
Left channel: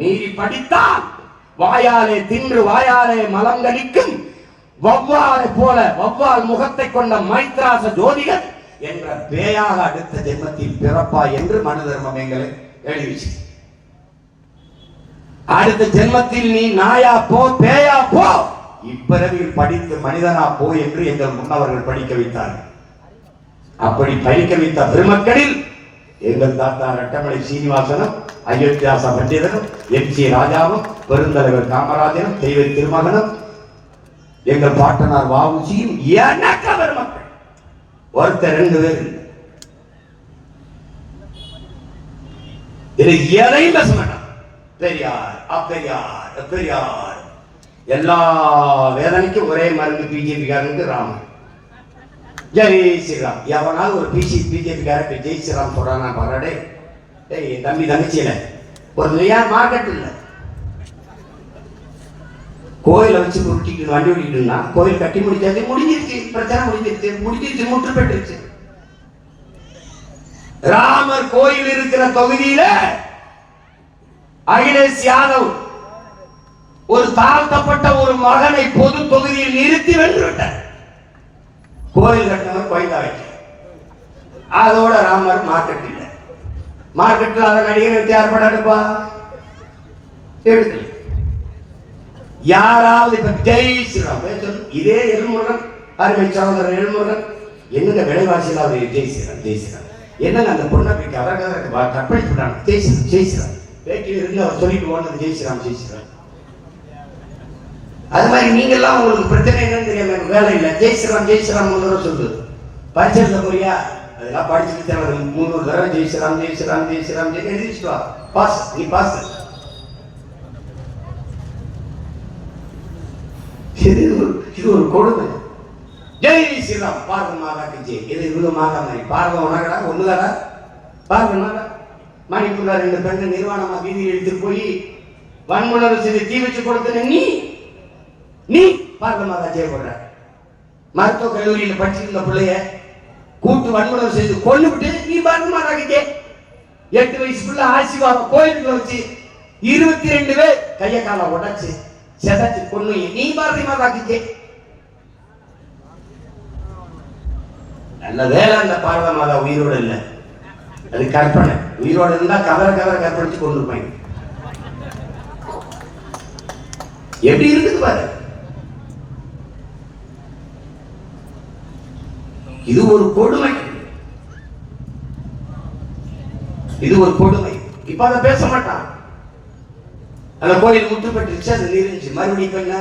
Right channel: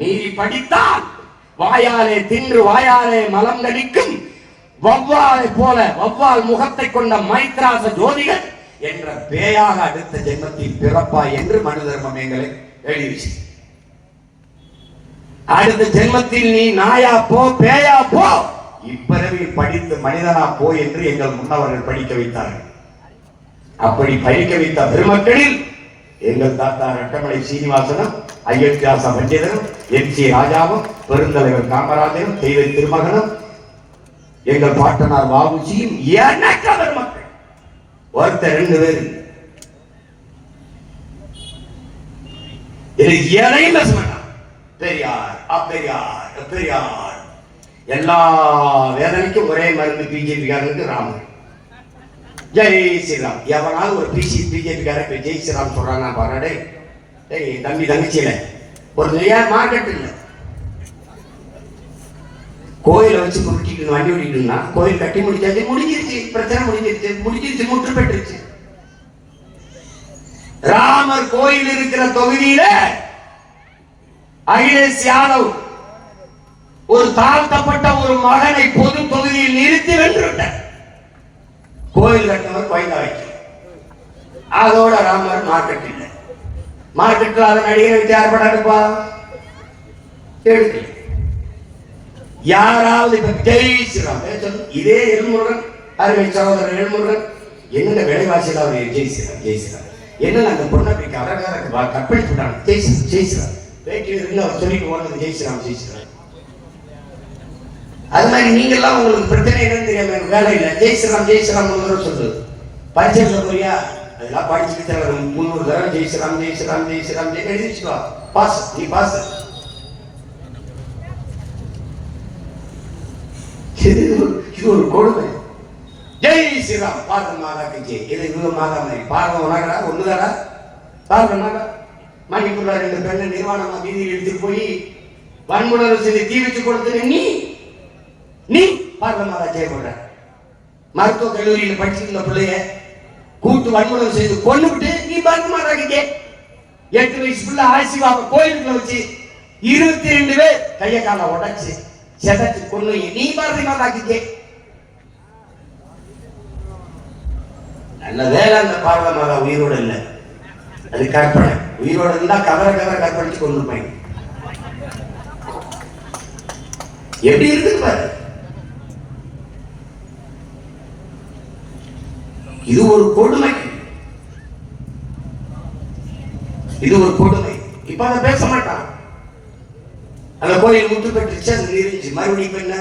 நீதி படித்தால் வாயாலே தின்று வாயாலே மலம் கழிக்கும் வவ்வாலை போல வவ்வால் முகத்தை கொண்ட மைத்ராச ஜோதிகள் என்ற பேயாக அடுத்த ஜென்மத்தில் பிறப்பா என்று மனு தர்மம் எங்களை எழுதி, அடுத்த ஜென்மத்தில் நீ நாயா போ பேயா போ, இப்பிறவியில் படித்து மனிதனா போ என்று எங்கள் முன்னவர்கள் படிக்க வைத்தார்கள். அப்படி படிக்க வைத்த பெருமக்களில் எங்கள் தாத்தா ரட்டமலை சீனிவாசனும், அயோத்தியாச பண்டிதனும், எம்.சி. ராஜாவும், பெருந்தலைவர் காமராஜனும், தெய்வ திருமகனும், எங்கள் பாட்டனார் வாவுசியும் எண்ணற்ற பெருமக்கள். ஒருத்தர் 2 பேர் எதையும் பேச மாட்டான். பெரியார் அப்பெரியார் பெரியார், எல்லா வேதனைக்கும் ஒரே மருந்து பிஜேபிக்காரனுக்கு ராமர். ஜெய் ஸ்ரீராம். எவனாவது ஒரு பிஜேபிக்கார ஜெய் ஸ்ரீராம் சொல்றாங்க பாருடே, தம்பி தங்கச்சியில ஒரு நிறையா மார்க்கெட் இல்லை. கோயிலை வச்சு குறுக்கிட்டு வண்டி ஓடிக்கிட்டுனா கோயில் கட்டி முடிச்சாச்சு, முடிஞ்சிருச்சு, பிரச்சனை முடிஞ்சிருச்சு, முற்று பெற்றுச்சு. ராமர் கோயில் இருக்கிற தொகுதியில அகிலேஷ் யாதவ் ஒரு தாழ்த்தப்பட்ட ஒரு மகனை பொது தொகுதியில் நிறுத்தி வென்றுவிட்டார். கோயில் கட்டினவர் கோயிலா வைக்க, அதோட ராமர் மார்க்கெட் இல்லை. மார்க்கெட்டில் அதை நடிகரை வச்சு ஏற்படாதுப்பா எடுத்து யாராவது இப்ப ஜெய் ஸ்ரீராம் இதே எல்முருகன், அருமை சகோதரர் எல்முருகன், என்னென்ன விலைவாசியில் அவர் ஜெய் ஸ்ரீராம் ஜெய் ஸ்ரீராம் என்னென்ன அந்த பொண்ணை கற்பழிச்சு விட்டாங்க. ஜெய் ஸ்ரீராம் ஜெய் ஸ்ரீராம் வேட்டியில் இருந்து அவர் சொல்லிட்டு ஓடுறது ஜெய் ஸ்ரீராம் ஜெய் ஸ்ரீராம். அது மாதிரி நீங்க எல்லாம் உங்களுக்கு பிரச்சனை என்னன்னு தெரியாம எனக்கு வேலை இல்லை, ஜெய் ஸ்ரீராம் ஜெய் ஸ்ரீராம் சொல்லு. பரிச்சை போறியா, அதெல்லாம் படிச்சுட்டு 300 தடவை ஜெய் ஸ்ரீராம் ஜெய் ஸ்ரீராம் ஜெய் ஸ்ரீராம் ஜெய் எழுதி வச்சுட்டு வா, பாஸ், நீ பாஸ். இது ஒரு கொடுமை. ஜெய் ஸ்ரீராம் பாரத மாதாக்கு ஜெய். இது இவங்க மாதா மாதிரி பாரதம் உணரா ஒண்ணுதாடா, பாரதம் மணிப்பூர்ல 2 பெண்ணை நிர்வாணமா வீதியில் எடுத்துட்டு போய் வன்முறை செஞ்சு தீ வச்சு கொடுத்துன நீ பாரத மாதா ஜெய் போடுற. மருத்துவ கல்லூரியில் படிச்சிருந்த பிள்ளைய கூட்டு வன்முறை செய்து கொண்டு விட்டு நீ பாரத மாதாக்கு ஜெய். 8 வயசு பிள்ளை ஆசிவாக கோயிலுக்குள்ள வச்சு 22 பேர் கைய கால உடைச்சு செதச்சு கொண்டு நீ பாரதி மாதாக்கு ஜெய். நல்ல வேலை அந்த பாரத மாதா உயிரோடு இல்லை, அது கற்பனை. உயிரோடு இருந்தா கதற கற்பழிச்சு கொண்டு போய் எப்படி இருக்குது பாரு. இது ஒரு கொடுமை, இது ஒரு கொடுமை. இப்ப அதை பேச மாட்டான். அந்த கோயில் முற்று பெற்றுச்சு, அது நீரிஞ்சு. மறுபடியும் என்ன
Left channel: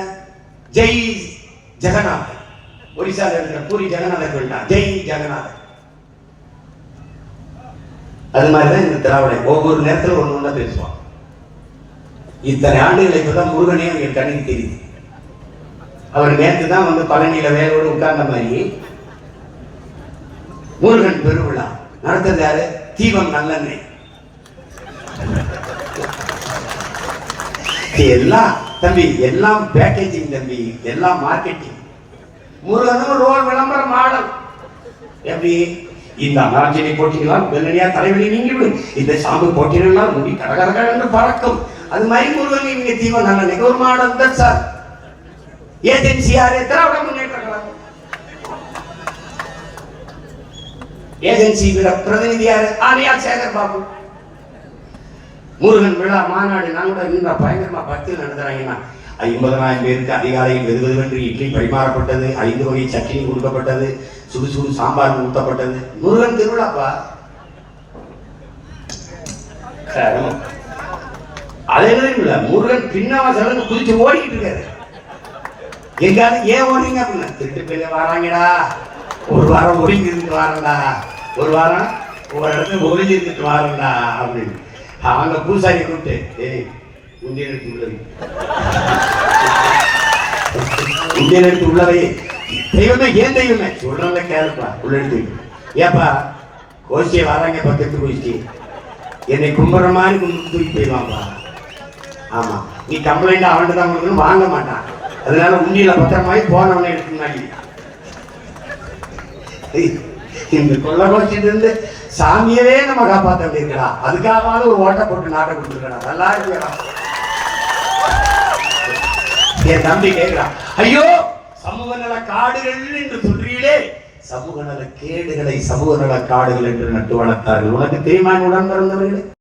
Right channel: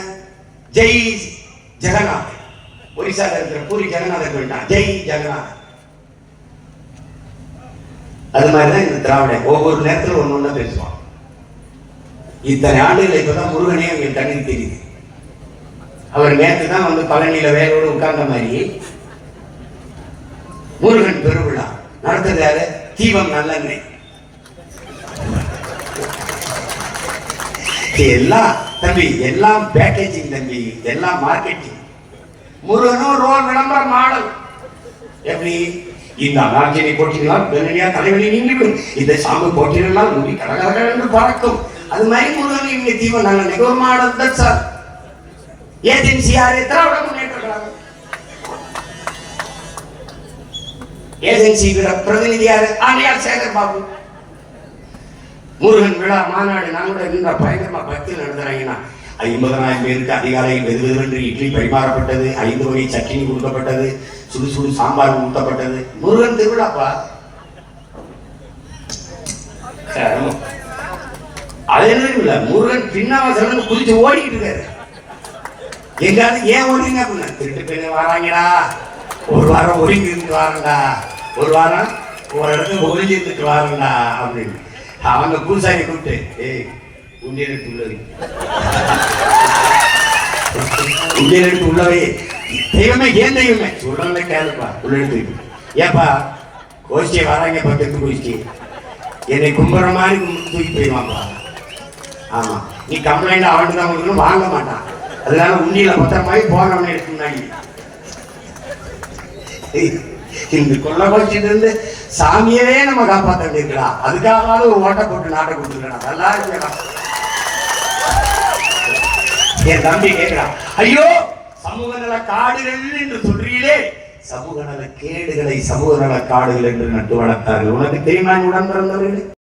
ஜெய் ஜெகநாத், ஒரிசால இருக்கிற பூரி ஜெகநாதர் போயிட்டான், ஜெய் ஜெகநாத். அது மாதிரிதான் இந்த திராவிட ஒவ்வொரு நேரத்தில் ஒண்ணு பேசுவான். இத்தனை ஆண்டுகளை இப்பதான் முருகனே என் கண்ணுக்கு தெரியுது. அவர் நேற்று தான் வந்து பழனியில வேலோடு உட்கார்ந்த மாதிரி முருகன் பெருவிழா நடத்துறது யாரு? தீபம் நல்லெண்ணெய். எல்லாம் தம்பி, எல்லாம் பேக்கேஜிங் தம்பி, எல்லாம் மார்க்கெட்டிங். முருகனும் ரோல் விளம்பர மாடல். எப்படி இந்த நாட்சியை போட்டிகளால் வெள்ளனியா தலைவலி நீங்கிவிடும், இந்த சாம்பு போட்டிகளால் முடி கடகரக என்று பறக்கும். அது மாதிரி முருகன் இங்க தீபம் நல்லெண்ணெய் ஒரு மாடல் தான் சார். ஏஜென்சி யாரு? திராவிட முன்னேற்ற கழகம். ஏஜென்சி பிரதிநிதி யாரு? ஆலியார் சேகர் பாபு. முருகன் விழா மாநாடு நான் கூட நின்ற பயங்கரமா பக்தியில் நடத்துறாங்கன்னா 50,000 பேருக்கு அதிகாலையில் வெதுவென்று இட்லி பரிமாறப்பட்டது, 5 வகை சட்னி கொடுக்கப்பட்டது, சுடு சுடு சாம்பார் ஊட்டப்பட்டது. முருகன் திருவிழாப்பா. அதே இல்ல, முருகன் பின்னவாசல் குதிச்சு ஓடிக்கிட்டு இருக்காரு. எங்காவது ஏன் ஓடுறீங்க அப்படின்னா, திருட்டு பிள்ளைங்க வராங்கடா, ஒரு வாரம் ஒதுங்கி இருந்துட்டு வாரண்டா, ஒரு வாரம் ஒரு இடத்துல ஒதுங்கி இருந்துட்டு வாரண்டா அப்படின்னு அவங்க பூசாரி கூப்பிட்டு, ஏய் உண்டியல் எடுத்து உள்ளவை, உண்டியல் எடுத்து உள்ளவை, தெய்வமே ஏன் தெய்வமே சொல்றத கேளுப்பா, உள்ள எடுத்து ஏப்பா கோஷ்டியை வராங்க பக்கத்து கோஷ்டி என்னை கும்புற மாதிரி கும்பிட்டு தூக்கி போயிடுவாங்களா? ஆமா, நீ கம்ப்ளைண்ட் அவன்ட்டு தான் உங்களுக்கு வாங்க மாட்டான். அதனால உண்டியில பத்திரமாயி போனவனே எடுத்துனாங்க. இந்த கொள்ள கோஷ்டிட்டு இருந்து சாமியவே நம்ம காப்பாற்ற வேண்டியிருக்கா, அதுக்காக ஒரு ஓட்ட போட்டு நாட்டை கொடுத்துருக்கா. நல்லா இருக்கா? என் தம்பி கேட்கிறான், ஐயோ சமூக நல காடுகள் என்று சொல்றீங்களே, சமூக நல கேடுகளை சமூக நல காடுகள் என்று நட்டு வளர்த்தார்கள். உனக்கு தெரியுமா உடன் பிறந்தவர்கள்?